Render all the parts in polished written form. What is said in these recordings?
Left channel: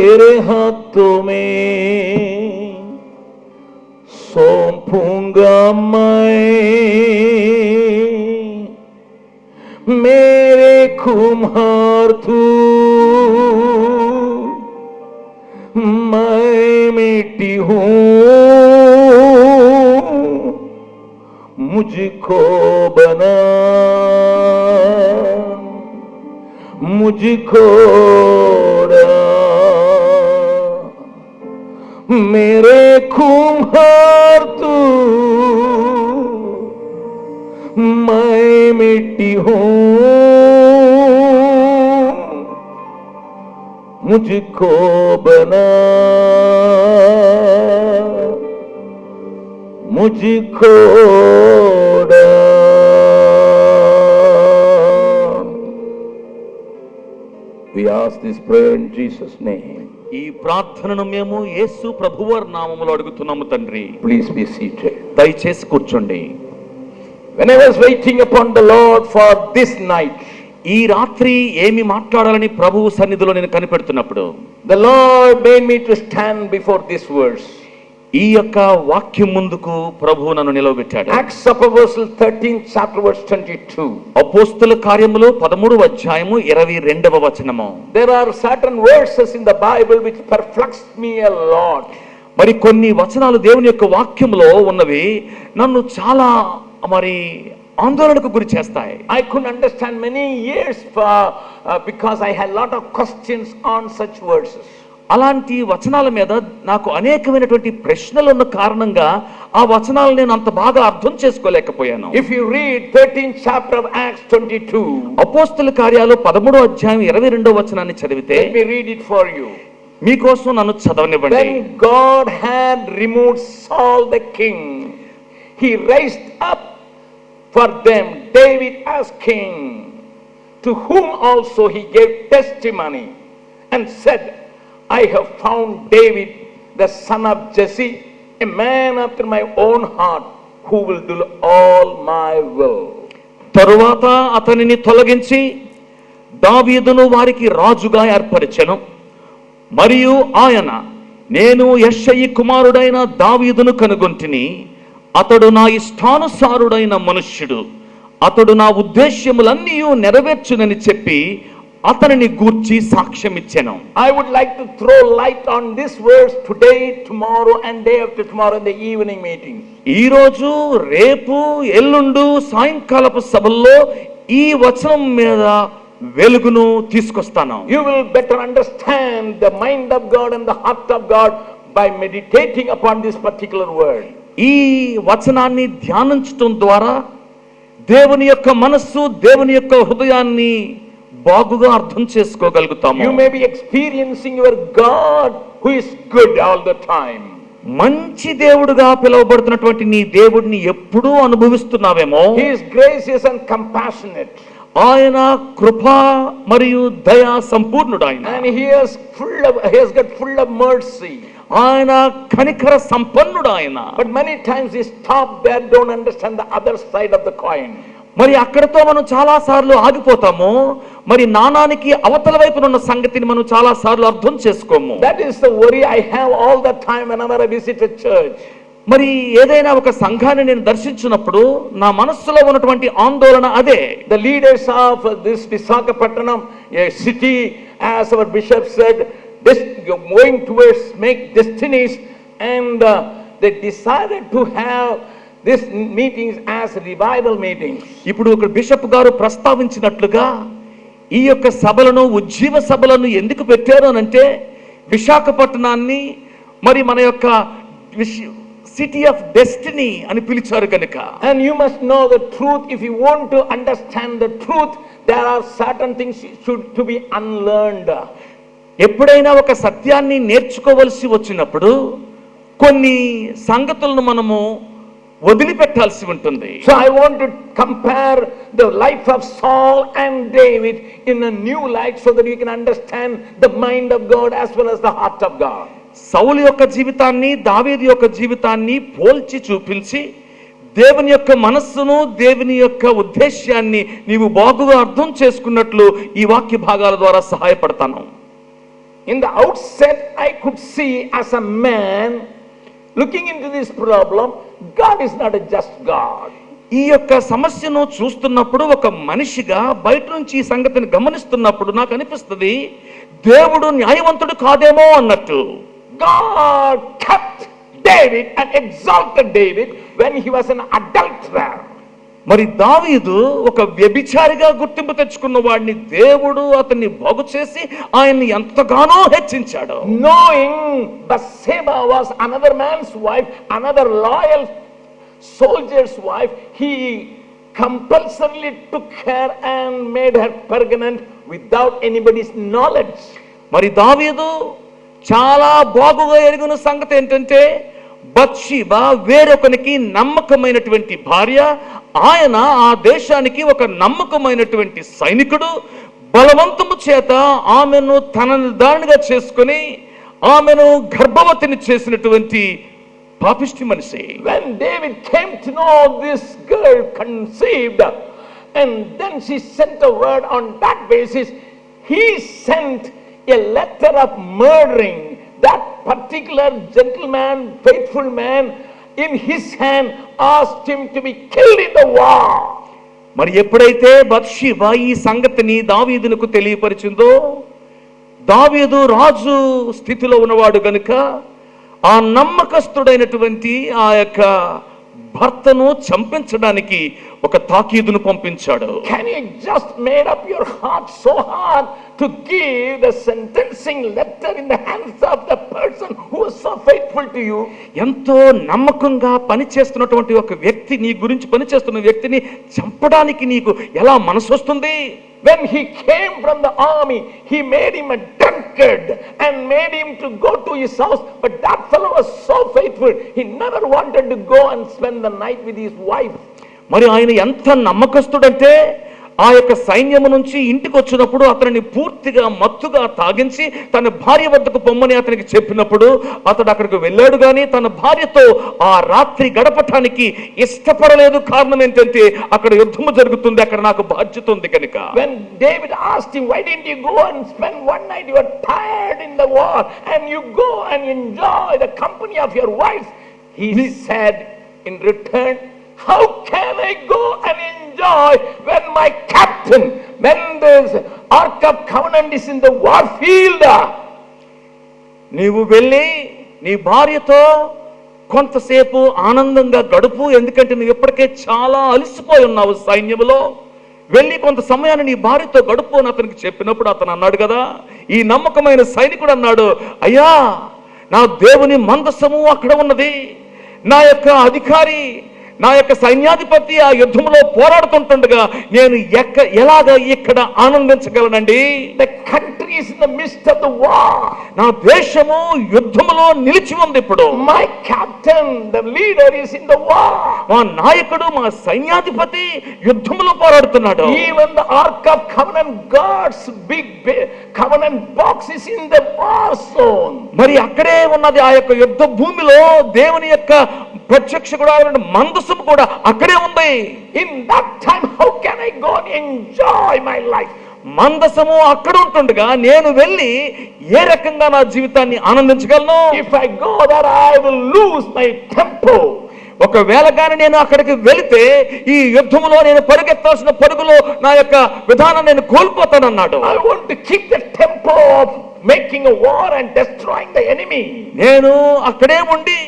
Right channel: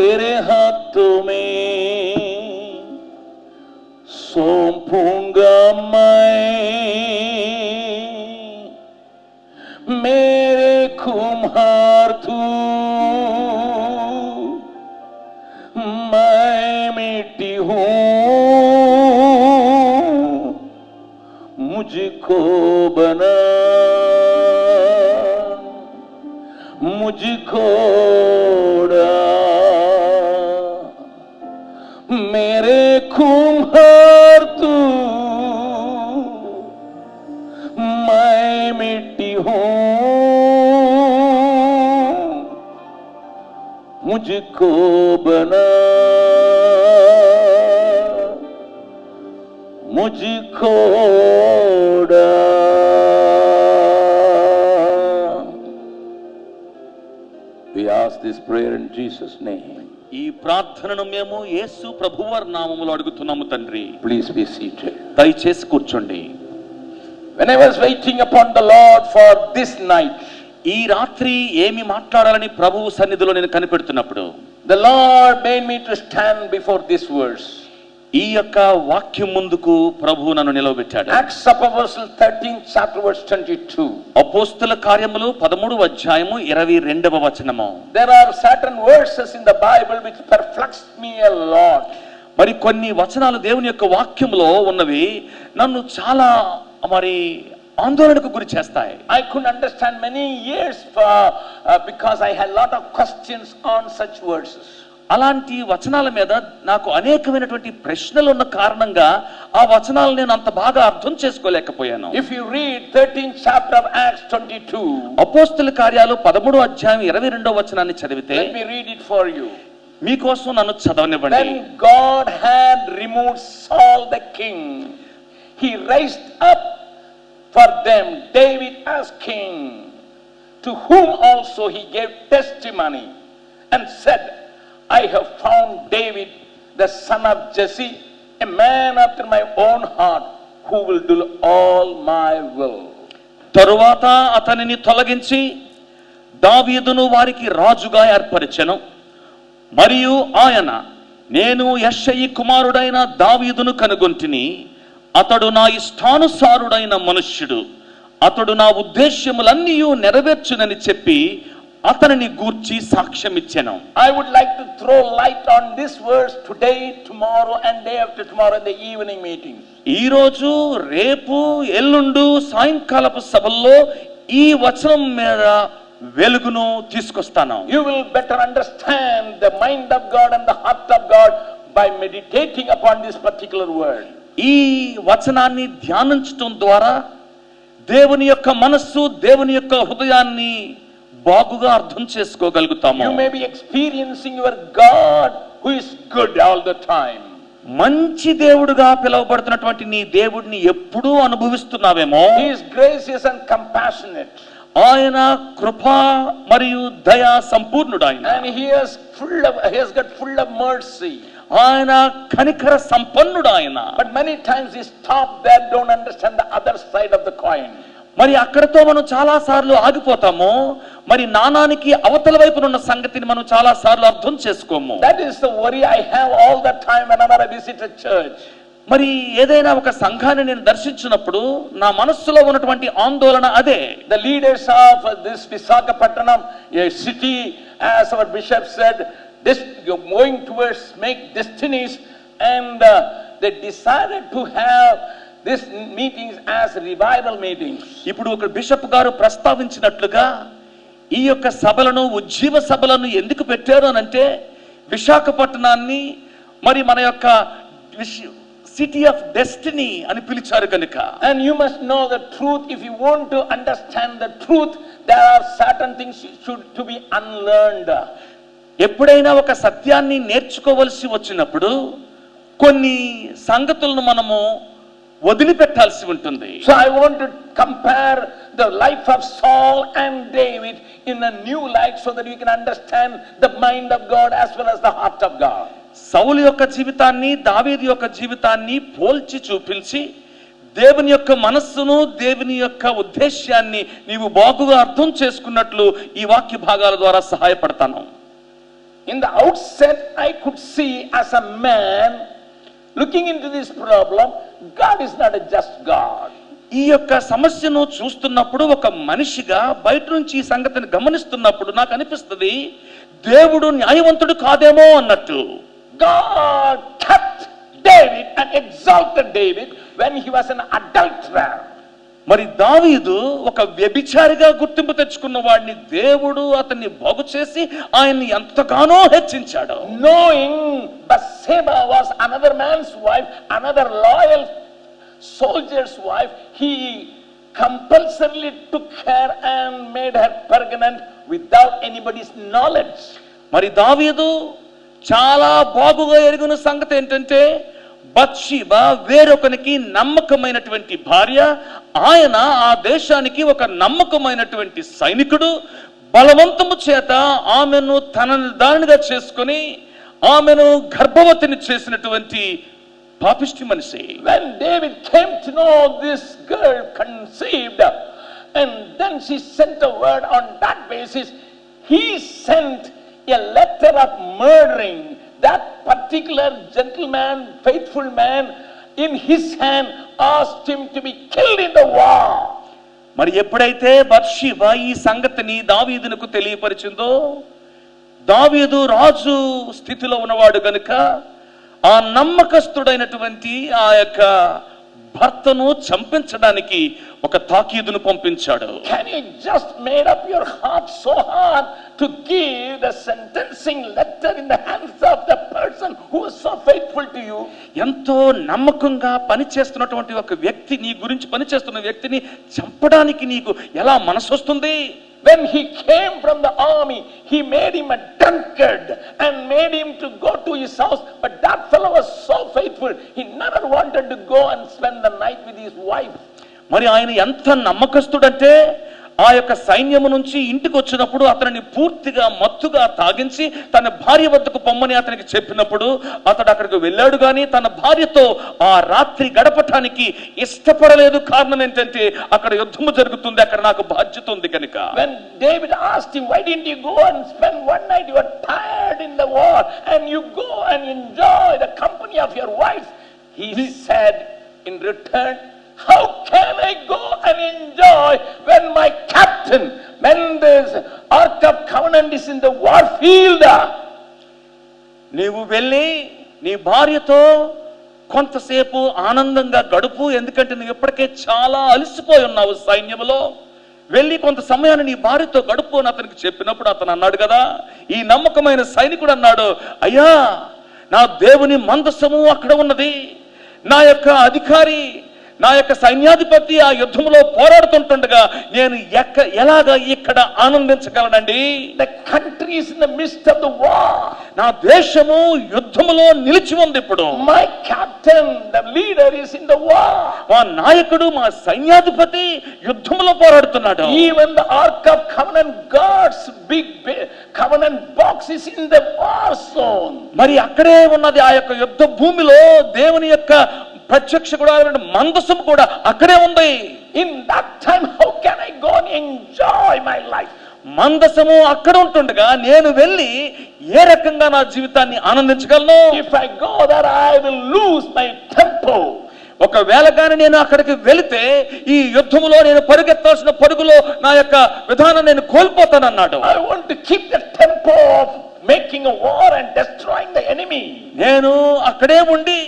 तेरे हाथों में सौंपूंगा मैं, मेरे कुम्हार तू, मैं मिट्टी हूँ, मुझको बना, मुझको मेरे कुम्हार तू, मैं मिट्टी हूँ, मुझको बना, मुझको We ask this prayer in Jesus' name. ఈ ప్రార్థనను మేము యేసు ప్రభువారి నామములో అడుగుతున్నాము తండ్రి. Please be seated. దయచేసి కూర్చోండి. When I was waiting upon the Lord for this night, ఈ రాత్రి ఏమి మాట్లాడాలని ప్రభువు సన్నిధిలో నేను కనిపెడుతున్నప్పుడు, the Lord made me to stand before this verse. ఈ యొక్క వాక్యం ముందుకు ప్రభువు నన్ను నిలవబెట్టాడు. Acts of Apostles 13th chapter verse 22. అపోస్తల కార్యములు 13వ అధ్యాయము 22వ వచనము. There are certain verses in the Bible which perplexed me a lot. మరి కొన్ని వచనాలు దేవుని యొక్క వాక్యములో ఉన్నవి నన్ను చాలా ఆందోళనకు గురి చేస్తాయి. I couldn't understand many years because I had a lot of questions on such verses. అలాంటి వచనాల మీద నాకు అనేకమైనటువంటి ప్రశ్నలు ఉన్న కారణంగా ఆ వచనాలను నేను అంత బాగా అర్థం చేసుకోలేకపోయాను. If you read 13th chapter of Acts 22, అపోస్తల కార్యాలు 13వ అధ్యాయం 22వ వచనాన్ని చదివితే, let me read it for you. మీకోసం నన్ను చదవనివ్వండి. When God had removed Saul the king, he raised up for them David as king, to whom also he gave testimony and said, I have found David the son of Jesse, a man after my own heart, who will do all my will. తరువాత అతనిని తొలగించి దావీదును వారికి రాజుగా ఏర్పరిచెను. మరియు ఆయన, నేను యెష్షయి కుమారుడైన దావీదును కనుగొంటిని, అతడు నా ఇష్టానుసారుడైన మనుష్యుడు, అతడు నా ఉద్దేశ్యములన్నీ నెరవేర్చునని చెప్పి అతనిని గూర్చి సాక్ష్యం ఇచ్చెను. I would like to throw light on this verse today, tomorrow and day after tomorrow in the evening meeting. ఈ రోజు, రేపు, ఎల్లుండు సాయంకాలపు సభల్లో ఈ వచనం మీద వెలుగును తీసుకొస్తాను. You will better understand the mind of God and the heart of God by meditating upon this particular word. ఈ వచనాన్ని ధ్యానించడం ద్వారా దేవుని యొక్క మనస్సు, దేవుని యొక్క హృదయాన్ని బాగుగా అర్థం చేసుకోగలుగుతాము. You may be experiencing your God who is good all the time. మంచి దేవుడుగా పిలువబడుతున్నటువంటి నీ దేవుడిని ఎప్పుడూ అనుభవిస్తున్నావేమో. He is gracious and compassionate. ఆయన కృప మరియు దయా సంపూర్ణుడు ఆయన. And he has got full of mercy. ఆయన కనికర సంపన్నుడు ఆయన. But many times we stop there, don't understand the other side of the coin. మరి అక్కడతో మనం చాలా సార్లు ఆగిపోతాము. మరి నాణానికి అవతల వైపున ఉన్న సంగతిని మనం చాలా సార్లు అర్థం చేసుకోము. That is the worry I have all the time whenever I visit a church. మరి ఏదైనా ఒక సంఘాన్ని నేను దర్శించినప్పుడు నా మనస్సులో ఉన్నటువంటి ఆందోళన అదే. The leaders of this Visakhapatnam, a city, as our bishop said, going towards make destinies, and they decided to have this meetings as revival meetings. ఇప్పుడు ఒక బిషప్ గారు ప్రస్తావించినట్లుగా ఈ యొక్క సభలను, ఉజ్జీవ సభలను ఎందుకు పెట్టారు అనంటే, విశాఖపట్నాన్ని మరి మన యొక్క సిటీ ఆఫ్ డెస్టినీ అని పిలిచారు కనుక. And you must know the truth. If you want to understand the truth, there are certain things to be unlearned. ఎప్పుడైనా ఒక సత్యాన్ని నేర్చుకోవలసి వచ్చినప్పుడు కొన్ని సంగతులను మనము వదిలిపెట్టాల్సి ఉంటుంది. So I want to compare the life of Saul and David in a new light so that you can understand the mind of God as well as the heart of God. సౌలు యొక్క జీవితాన్ని, దావీదు యొక్క జీవితాన్ని పోల్చి చూపించి దేవుని యొక్క మనస్సును, దేవుని యొక్క ఉద్దేశ్యాన్ని నీవు బాగుగా అర్థం చేసుకున్నట్లు ఈ వాక్య భాగాల ద్వారా సహాయపడతాను. In the outset, I could see as a man looking into this problem, God is not a just God. ఈ యొక్క సమస్యను చూస్తున్నప్పుడు ఒక మనిషిగా బయట నుంచి ఈ సంగతిని గమనిస్తున్నప్పుడు నాకు అనిపిస్తుంది దేవుడు న్యాయవంతుడు కాదేమో అన్నట్టు. God kept David and exalted David when he was an adulterer. మరి దావీదు ఒక వ్యభిచారిగా గుర్తింపు తెచ్చుకున్న వాడిని దేవుడు అతన్ని బాగు చేసి ఆయన్ని ఎంతగానో హెచ్చించాడు. Knowing Bathsheba was another man's wife, another loyal soldier's wife, he compulsorily took her and made her pregnant without anybody's knowledge. మరి దావీదు చాలా బాగుగా ఎరుగున సంగతి ఏంటంటే బత్షెబా వేరొకనికి నమ్మకమైనటువంటి భార్య, ఆయన ఆ దేశానికి ఒక నమ్మకమైనటువంటి సైనికుడు, బలవంతము చేత ఆమెను తనని దానిగా చేసుకుని ఆమెను గర్భవతిని చేసినటువంటి పాపిష్టి మనిషి. When David came to know this girl conceived and then she sent a word on that basis, he sent a letter of murdering that particular gentleman, faithful man, in his hand asked him to be killed in the war. మరి ఎప్పుడైతే Bathsheba ఈ సంగతిని దావీదునకు తెలియపరిచిందో, దావీదు రాజు స్థితిలో ఉన్నవాడు గనుక ఆ నమ్మకస్తుడైనటువంటి ఆ యొక్క భర్తను చంపించడానికి ఒక తాకీదును పంపించాడు. Can you just made up your heart so hard to give the sentencing letter in the hands of the person who was so faithful to you? ఎంతో నమ్మకంగా పనిచేస్తున్నటువంటి ఒక వ్యక్తి, నీ గురించి పనిచేస్తున్న వ్యక్తిని చంపడానికి నీకు ఎలా మనసు వస్తుంది? When he came from the army, he made him a drunkard and made him to go to his house. But that fellow was so faithful, he never wanted to go and spend the night with his wife. మరి ఆయన ఎంత నమ్మకస్తుడంటే ఆ యొక్క సైన్యము నుంచి ఇంటికి వచ్చినప్పుడు అతనిని పూర్తిగా మత్తుగా తాగించి తన భార్య వద్దకు పొమ్మని అతనికి చెప్పినప్పుడు అతడు అక్కడికి వెళ్ళాడు, కానీ తన భార్యతో ఆ రాత్రి గడపటానికి ఇష్టపడలేదు. కారణం ఏంటంటే అక్కడ యుద్ధము జరుగుతుంది, అక్కడ నాకు బాధ్యత ఉంది కనుక. When David asked him, why didn't you go and spend one night? You are tired in the war and you go and enjoy the company of your wife. He said in return, how can I go and enjoy when my captain, when the Ark of Covenant is in the war field? నీవు వెళ్ళి నీ భార్యతో కొంతసేపు ఆనందంగా గడుపు, ఎందుకంటే నువ్వు ఇప్పటికే చాలా అలసిపోయి ఉన్నావు సైన్యములో. వెళ్ళి కొంత సమయాన్ని నీ భార్యతో గడుపు అని అతనికి చెప్పినప్పుడు అతను అన్నాడు కదా, ఈ నమ్మకమైన సైనికుడు అన్నాడు, అయ్యా నా దేవుని మందసము అక్కడ ఉన్నది, నా యొక్క అధికారి, నా యొక్క సైన్యాధిపతి ఆ యుద్ధంలో పోరాడుతుంటుండగా నేను ఎలాగా ఇక్కడ ఆనందించగలనండి? The country is in the midst of the war. నా దేశము యుద్ధములో నిలిచి ఉంది ఇప్పుడు. My captain, the leader, is in the war. మా నాయకుడు, మా సైన్యాధిపతి యుద్ధములో పోరాడుతున్నాడు. Even the Ark of Covenant, God's big covenant box is in the war zone. మరి అక్కడే ఉన్నది ఆ యొక్క యుద్ధ భూమిలో దేవుని యొక్క ప్రత్యక్ష గుడారమైన మందసం కూడా అక్కడే ఉంది. In that time, how can I go and enjoy my life? మందసము అక్కడ ఉంటుండగా నేను వెళ్ళి ఏ రకంగా నా జీవితాన్ని ఆనందించగలను? If I go there, I will lose my tempo. ఒకవేళ కానీ నేను అక్కడికి వెళితే ఈ యుద్ధములో నేను పరుగెత్తాల్సిన పరుగులో నా యొక్క విధానం నేను కోల్పోతానన్నాడు. I want to keep the tempo of making a war and destroying the enemy. నేను అక్కడే ఉండి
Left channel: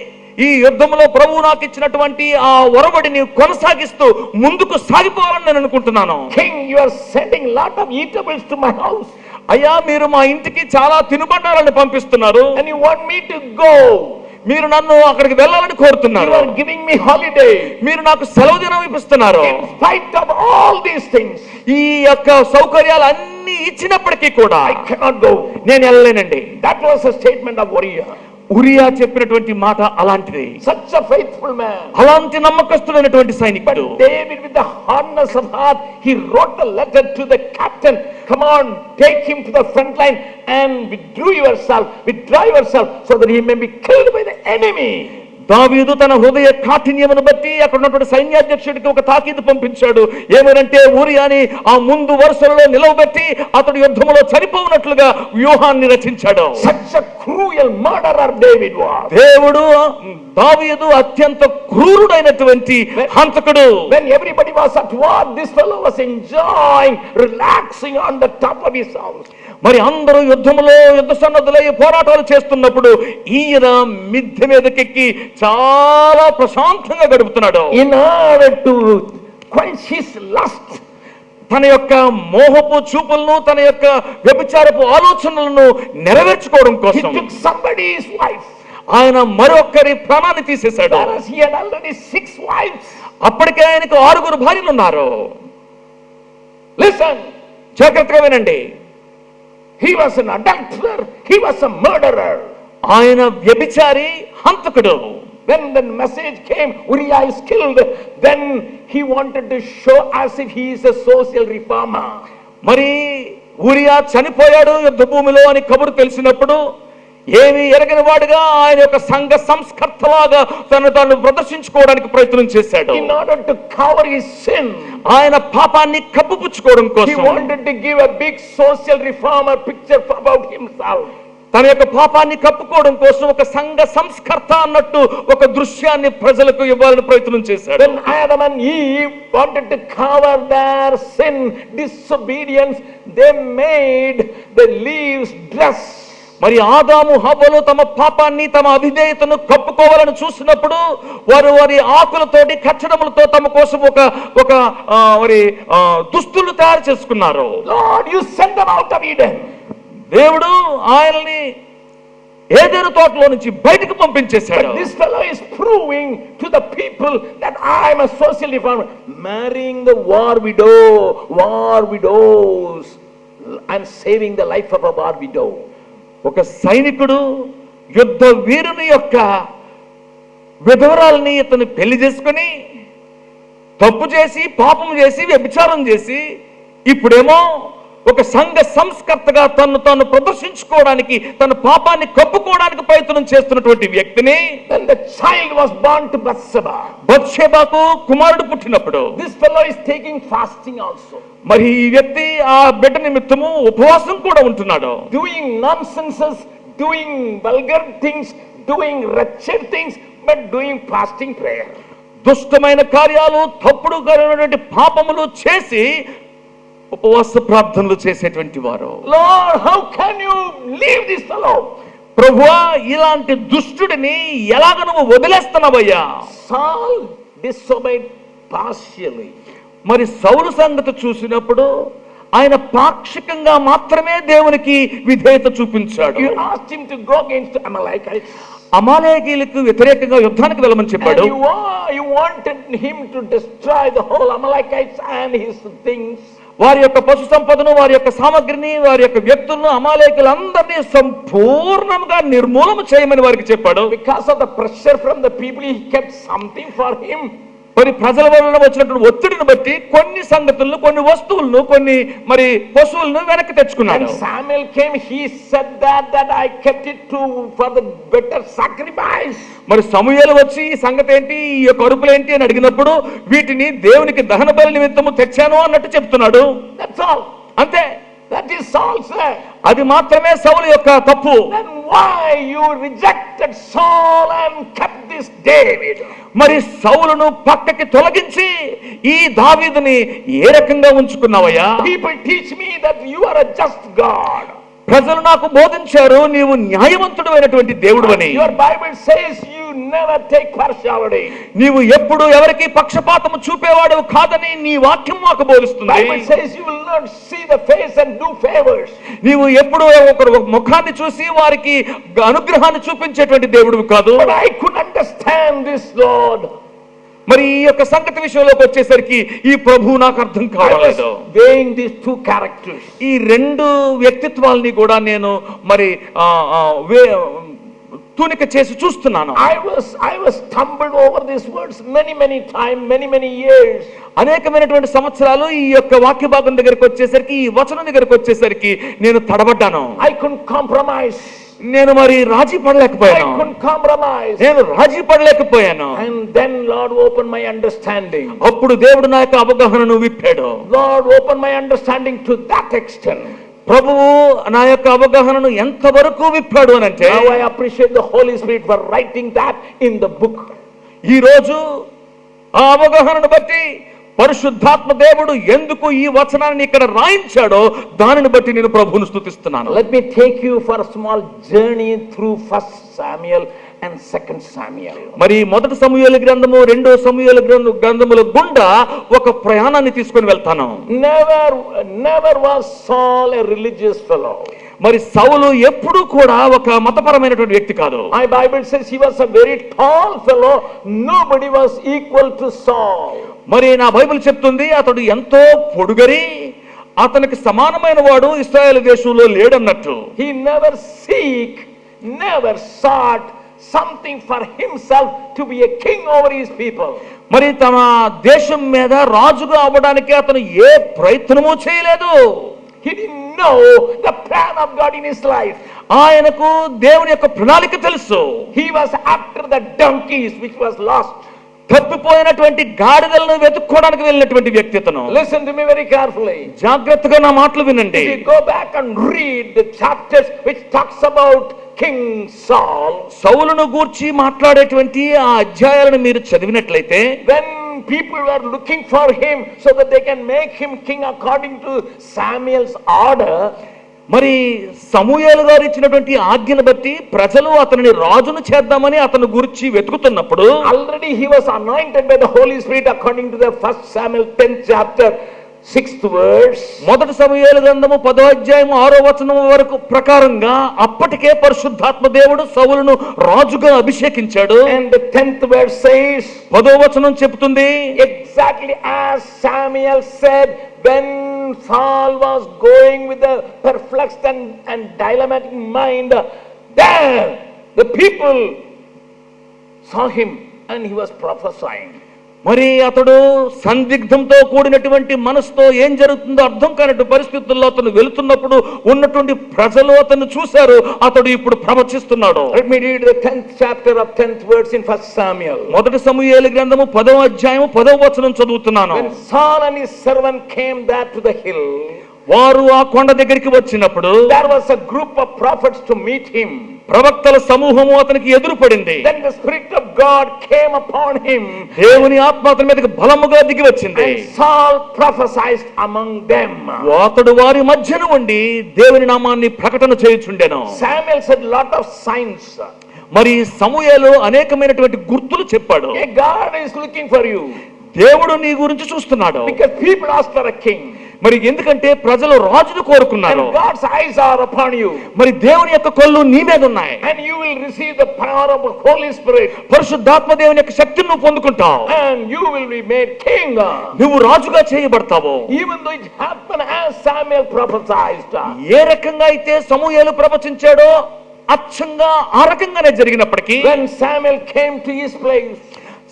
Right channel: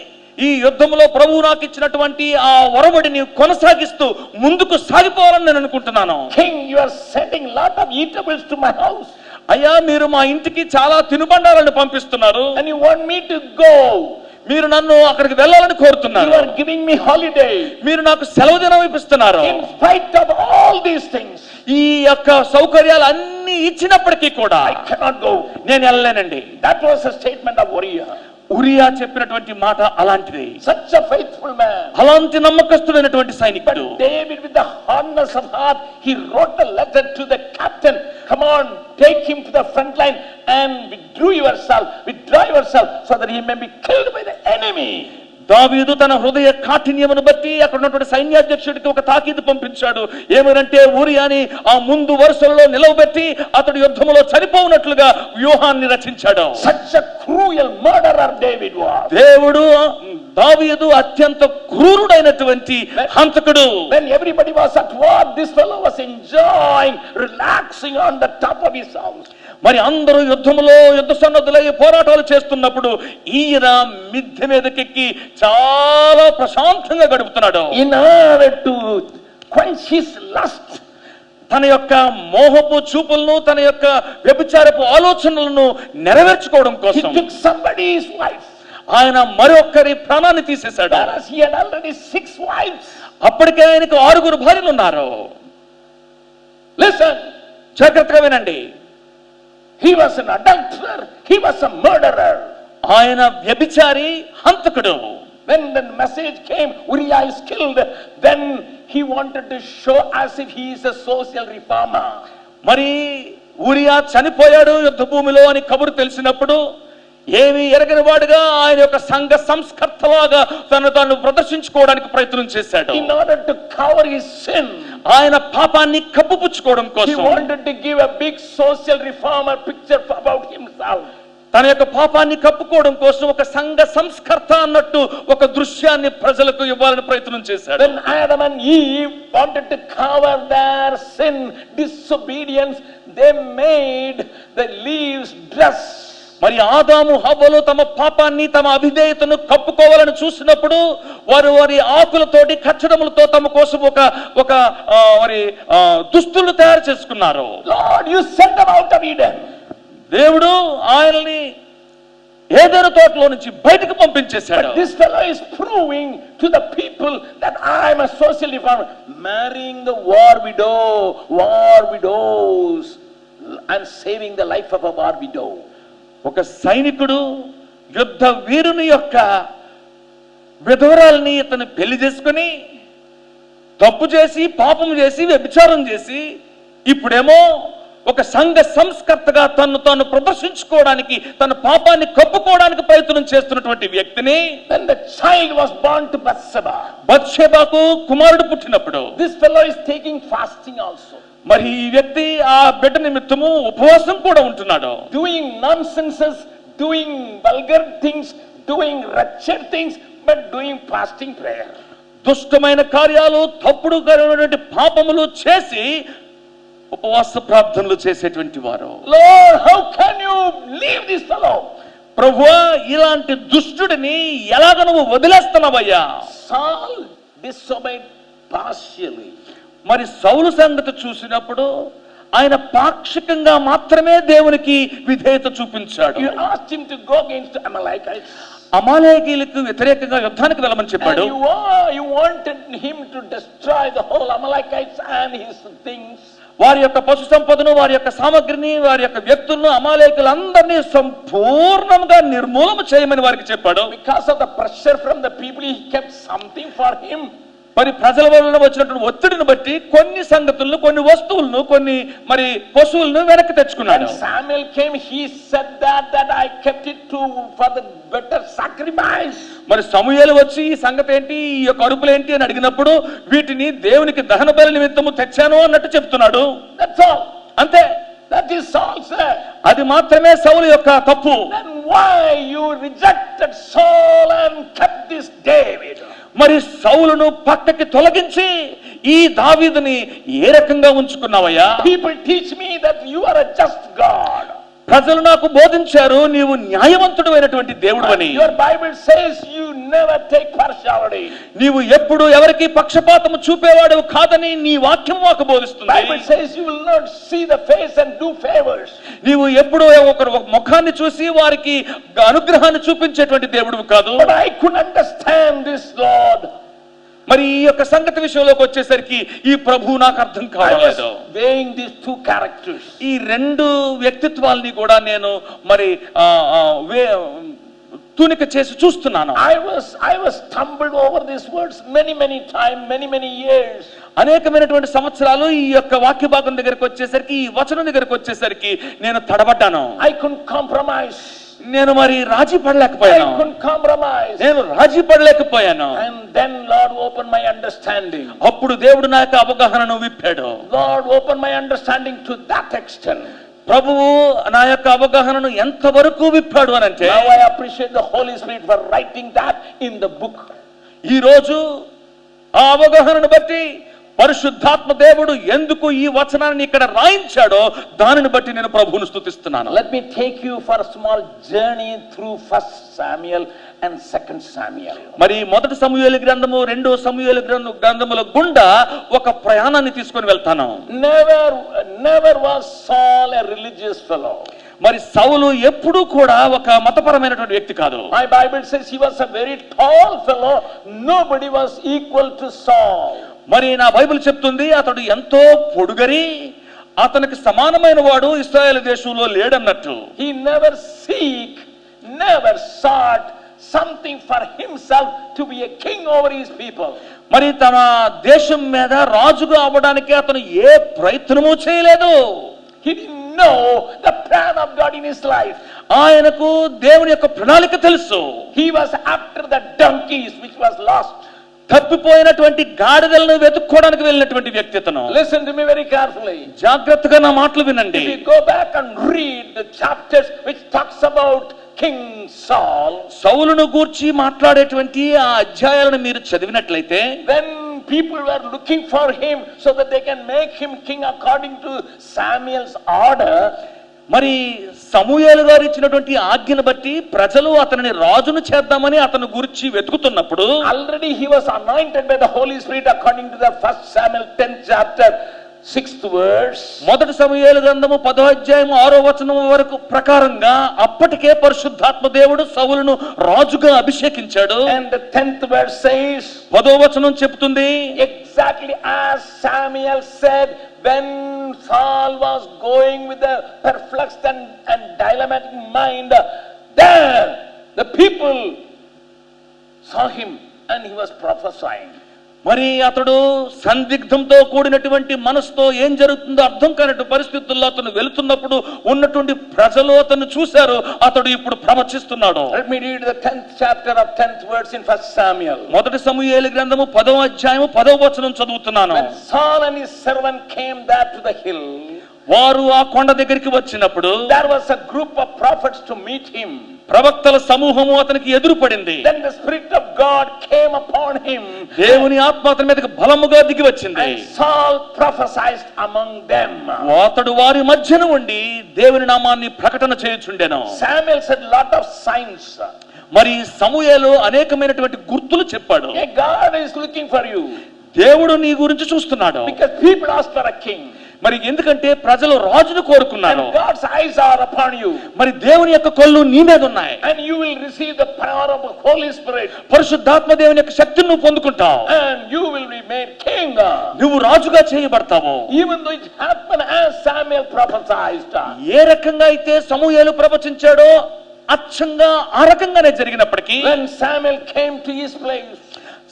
ఈ యుద్ధంలో ప్రభువు నాకు ఇచ్చినటువంటి ఆ ఒరవడిని కొనసాగిస్తూ ముందుకు సాగిపోవాలని నేను అనుకుంటున్నాను. King, you are sending lot of eatables to my house. అయ్యా మీరు మా ఇంటికి చాలా తినుబండారాలను పంపిస్తున్నారు, And you want me to go. మీరు నన్ను అక్కడికి వెళ్ళాలని కోరుతున్నారు. You are giving me holiday. మీరు నాకు సెలవు దినం ఇప్పిస్తున్నారు. In spite of all these things, ఈ యొక్క సౌకర్యాలు అన్ని ఇచ్చినప్పటికీ కూడా I cannot go. నేను వెళ్ళలేనండి. That was a statement of Uriah. Uriah చెప్పినటువంటి మాట అలాంటిది. Such a faithful man. అలాంటి నమ్మకస్తుడైనటువంటి సైనికుడు. But David, with the hardness of heart, he wrote a letter to the captain. Come on, take him to the front line and withdraw yourself so that he may be killed by the enemy. దావీదు తన హృదయ కాఠిన్యమును బట్టి అక్కడ ఉన్నటువంటి సైన్యాధ్యక్షుడికి ఒక తాకీదు పంపించాడు. ఏమనంటే ఊరియాని ఆ ముందు వరుసలలో నిలవబెట్టి అతడు యుద్ధములో చనిపోవునట్లుగా వ్యూహాన్ని రచించాడు. Such a cruel murderer David was. దేవుడు దావీదు అత్యంత క్రూరుడైనటువంటి హంతకుడు. When everybody was at war, this fellow was enjoying, relaxing on the top of his house. మరి అందరూ యుద్ధములో యుద్ధ సన్నద్ధులై పోరాటాలు చేస్తున్నప్పుడు ఈయన మిద్దె మీదకెక్కి చాలా ప్రశాంతంగా గడుపుతున్నాడు. In order to quench his lust, తన యొక్క మోహపు చూపులను తన యొక్క వ్యభిచారపు ఆలోచనలను నెరవేర్చుకోవడం he కోసం took somebody's wife. ఆయన మరొకరి ప్రాణాన్ని తీసేశాడు. Whereas he had already 6 wives. అప్పటికే ఆయనకు 6 భార్యలు ఉన్నారు. Listen, జాగ్రత్తగా వినండి. he was an adulterer, he was a murderer. ఆయన వ్యభిచారి, హంతకుడు. When the message came, Uriah is killed, then he wanted to show as if he is a social reformer. మరి ఊరియా చనిపోయాడు యుద్ధ భూమిలో అని కబురు తెలిసినప్పుడు ఏమీ ఎరగని వాడుగా ఆయన యొక్క సంఘ సంస్కర్తలాగా తాను ప్రదర్శించుకోవడానికి ప్రయత్నం చేశాడు. In order to cover his sin, ఆయన పాపాన్ని కప్పుపుచ్చుకోవడం he కోసం wanted to give a big social reformer picture about himself. తన యొక్క పాపాన్ని కప్పుకోవడం కోసం ఒక సంఘ సంస్కర్త అన్నట్టు ఒక దృశ్యాన్ని ప్రజలకు ఇవ్వాలని ప్రయత్నం చేశాడు. When Adam and Eve wanted to cover their sin, disobedience, they made the leaves dress. మరి ఆదాము హవ్వలు తమ పాపాన్ని తమ అవిధేయతను కప్పుకోవాలని చూసినప్పుడు వారి ఆకులతోటి కచ్చడములతో తమ కోసం ఒక దుస్తులు తయారు చేసుకున్నారు. Lord, you sent them out of Eden. దేవుడు ఆయనని ఏదైనా తోటలో నుంచి బయటకు పంపించేశాడు. But this fellow is proving to the people that I am a social reformer, marrying the war widows and saving the life of a war widow. ఒక సైనికుడు యుద్ధ వీరుని యొక్క విధవరాల్ని ఇతను పెళ్లి చేసుకుని తప్పు చేసి పాపం చేసి వ్యభిచారం చేసి ఇప్పుడేమో ఒక సంఘ సంస్కర్తగా తాను ప్రదర్శించుకోవడానికి తన పాపాన్ని కప్పుకోవడానికి ప్రయత్నం చేస్తున్నటువంటి వ్యక్తిని When the child was born to బత్షెబాకు కుమారుడు పుట్టినప్పుడు this fellow is taking fasting also. మరి ఈ వ్యక్తి ఆ బిడ్డ నిమిత్తము ఉపవాసం కూడా ఉంటున్నాడు. Doing nonsenses, doing vulgar things, doing wretched things, but doing fasting prayer. దుష్టమైన కార్యాలు తప్పుడు పాపములు చేసి ఉపవాస ప్రార్థనలు చేసేటువంటి వారు. Lord, how can you leave this fellow? ప్రభువా, ఇలాంటి దుష్టుడిని ఎలాగ నువ్వు వదిలేస్తున్నావయ్యా? Saul disobeyed partially. మరి సౌలు సంగతి చూసినప్పుడు ఆయన పాక్షికంగా మాత్రమే దేవునికి విధేయత చూపించాడు. You asked him to go against the Amalekites. అమాలేకీయులకు వ్యతిరేకంగా యుద్ధానికి వెళ్ళమని చెప్పాడు. And you wanted him to destroy the whole Amalekites and his things. వారి యొక్క పశు సంపదను, వారి యొక్క సామగ్రిని, వారి యొక్క వ్యక్తులను, అమాలేకులందరినీ సంపూర్ణంగా నిర్మూలన చేయమని వారికి చెప్పాడు. Because of the pressure from the people, he kept something for him. మరి ప్రజల వల్ల వచ్చినటువంటి ఒత్తిడిని బట్టి కొన్ని సంగతులను, కొన్ని వస్తువులను, కొన్ని మరి పశువులను వెనక్కి తెచ్చుకున్నాడు. When Samuel came, he said that I kept it for the better sacrifice. మరి సమూయేలు వచ్చి ఈ సంగతి ఏంటి, ఈ యొక్క అరుపులేంటి అని అడిగినప్పుడు వీటిని దేవునికి దహన బలి నిమిత్తము తెచ్చాను అన్నట్టు చెప్తున్నాడు. That's all. అంతే. That is all, sir. అది మాత్రమే సౌలు యొక్క తప్పు. Then why you rejected Saul and kept this David? మరి సౌలును పక్కకి తొలగించి ఈ దావీదుని ఏ రకంగా ఉంచుకున్నావయ్యా? People teach me that you are a just God. ప్రజలు నాకు బోధించారు నీవు న్యాయవంతుడు అయినటువంటి దేవుడు అని. Your Bible says you never take partiality. నీవు ఎప్పుడు ఎవరికి పక్షపాతము చూపేవాడు కాదని నీ వాక్యం మాకు బోధిస్తుంది. Bible says you will not see the face and do favors. నీవు ఎప్పుడు ఒకరి ముఖాన్ని చూసి వారికి అనుగ్రహాన్ని చూపించేటువంటి దేవుడు కాదు. But I couldn't understand this, Lord. మరి ఈ యొక్క సంగతి విషయంలోకి వచ్చేసరికి ఈ ప్రభువు నాకు అర్థం కావలేదు. Weighing these two characters. ఈ రెండు వ్యక్తిత్వాల్ని కూడా నేను మరి తూనిక చేసి చూస్తున్నాను. I was stumbled over these words many times, many years. అనేకమైనటువంటి సంవత్సరాలు ఈ యొక్క వాక్య భాగం దగ్గరికి వచ్చేసరికి, ఈ వచనం దగ్గరికి వచ్చేసరికి నేను తడబడ్డాను. I couldn't compromise. నేను మరి రాజీ I పడలేకపోయాను, couldn't compromise. నేను రాజీ పడలేకపోయాను. And then Lord opened my understanding. అప్పుడు దేవుడు నా యొక్క అవగాహనను విప్పాడు. Lord opened my understanding to that extent. ప్రభువు నా యొక్క అవగాహనను ఎంతవరకు విప్పాడు అని అంటే, Now I appreciate the Holy Spirit for writing that in the book. ఈ రోజు ఆ అవగాహనను బట్టి పరిశుద్ధాత్మ దేవుడు ఎందుకు ఈ వచనాన్ని ఇక్కడ రాయించాడో దానిని బట్టి నేను ప్రభువును స్తుతిస్తున్నాను. Let me take you for a small journey through 1 Samuel and 2 Samuel. మరి మొదటి సమూయేలు గ్రంథము, రెండో సమూయేలు గ్రంథముల గుండా ఒక ప్రయాణాన్ని తీసుకొని వెళ్తాను. Never was Saul a religious fellow. మరి సౌలు ఎప్పుడూ కూడా ఒక మతపరమైనటువంటి వ్యక్తి కాదు. My Bible says he was a very tall fellow. Nobody was equal to Saul. మరి నా బైబిల్ చెప్తుంది అతడు ఎంతో పొడుగరి, అతనికి సమానమైన వాడు ఇశ్రాయేలు దేశంలో లేడన్నట్టు. He never sought something for himself to be a king over his people. మరి తన దేశం మీద రాజుగా అవ్వడానికి అతను ఏ ప్రయత్నము చేయలేదు. He didn't know the plan of God in his life. ఆయనకు దేవుని యొక్క ప్రణాళిక తెలుసు. He was after the donkeys which was lost. తప్పిపోయినటువంటి గాడిదలను వెతుక్కోవడానికి వెళ్ళినటువంటి వ్యక్తి అతను. Listen to me very carefully. జాగ్రత్తగా నా మాటలు వినండి. If you go back and read the chapters which talks about King Saul, సౌలును గూర్చి మాట్లాడేటువంటి ఆ అధ్యాయాలను మీరు చదివినట్లయితే, when people were looking for him so that they can make him king according to Samuel's order, మరి సమూయేలు గారు ఇచ్చినటువంటి ఆజ్ఞను బట్టి ప్రజలు అతనిని రాజును చేద్దామని అతను గురించి వెతుకుతున్నప్పుడు, already he was anointed by the Holy Spirit according to the 1 Samuel 10th chapter 6th verse. మొదటి సమూయేలు గ్రంథము 10వ అధ్యాయము 6వ వచనం వరకు ప్రకారంగా అప్పటికే పరిశుద్ధాత్మ దేవుడు సౌలును రాజుగా అభిషేకించాడు. And the 10th verse says, 10వ వచనం చెప్తుంది, exactly as Samuel said, when Saul was going with a perplexed and dilemmatic mind, there the people saw him and he was prophesying. మరి అతడు సందిగ్ధంతో కూడినటువంటి మనసుతో ఏం జరుగుతుందో అర్థం కానటువంటి పరిస్థితుల్లో అతను వెళుతున్నప్పుడు ఉన్నటువంటి ప్రజలు అతను చూశారు, అతడు ఇప్పుడు ప్రవచిస్తున్నాడు. Let me read the 10th chapter of 10th verse in 1 Samuel. మొదటి సమూయేలు గ్రంథము 10వ అధ్యాయము 10వ వచనం చదువుతున్నాను. When Saul and his servant came there to the hill, వారు ఆ కొండ దగ్గరికి వచ్చినప్పుడు there was a group of prophets to meet him. ప్రవక్తల సమూహము అతనికి ఎదురుపడింది. Then the Spirit of God came upon him. దేవుని ఆత్మ అతని మీదకి బలముగా దిగి వచ్చింది. And Saul prophesied among them. అతడు వారి మధ్యన ఉండి దేవుని నామాన్ని ప్రకటన చేయుచుండెను. Samuel said lot of signs. మరి సమూయేలు అనేకమైనటువంటి గుర్తులు చెప్పాడు. God is looking for you. దేవుడు నీ గురించి చూస్తున్నాడు. Because people ask for a king. మరి ఎందుకంటే ప్రజలు రాజును కోరుకున్నారు. And God's eyes are upon you. మరి దేవుని యొక్క కళ్ళు నీ మీద ఉన్నాయి. And you will receive the power of the Holy Spirit. పరిశుద్ధాత్మ దేవుని యొక్క శక్తిని నువ్వు పొందుకుంటావు. And you will be made king. నువ్వు రాజుగా చేయబడతావు. Even though it happened as Samuel prophesied. ఏ రకంగా అయితే సమూయేలు ప్రవచించాడో అచ్చంగా ఆ రకంగానే జరిగినప్పటికీ, when Samuel came to his place,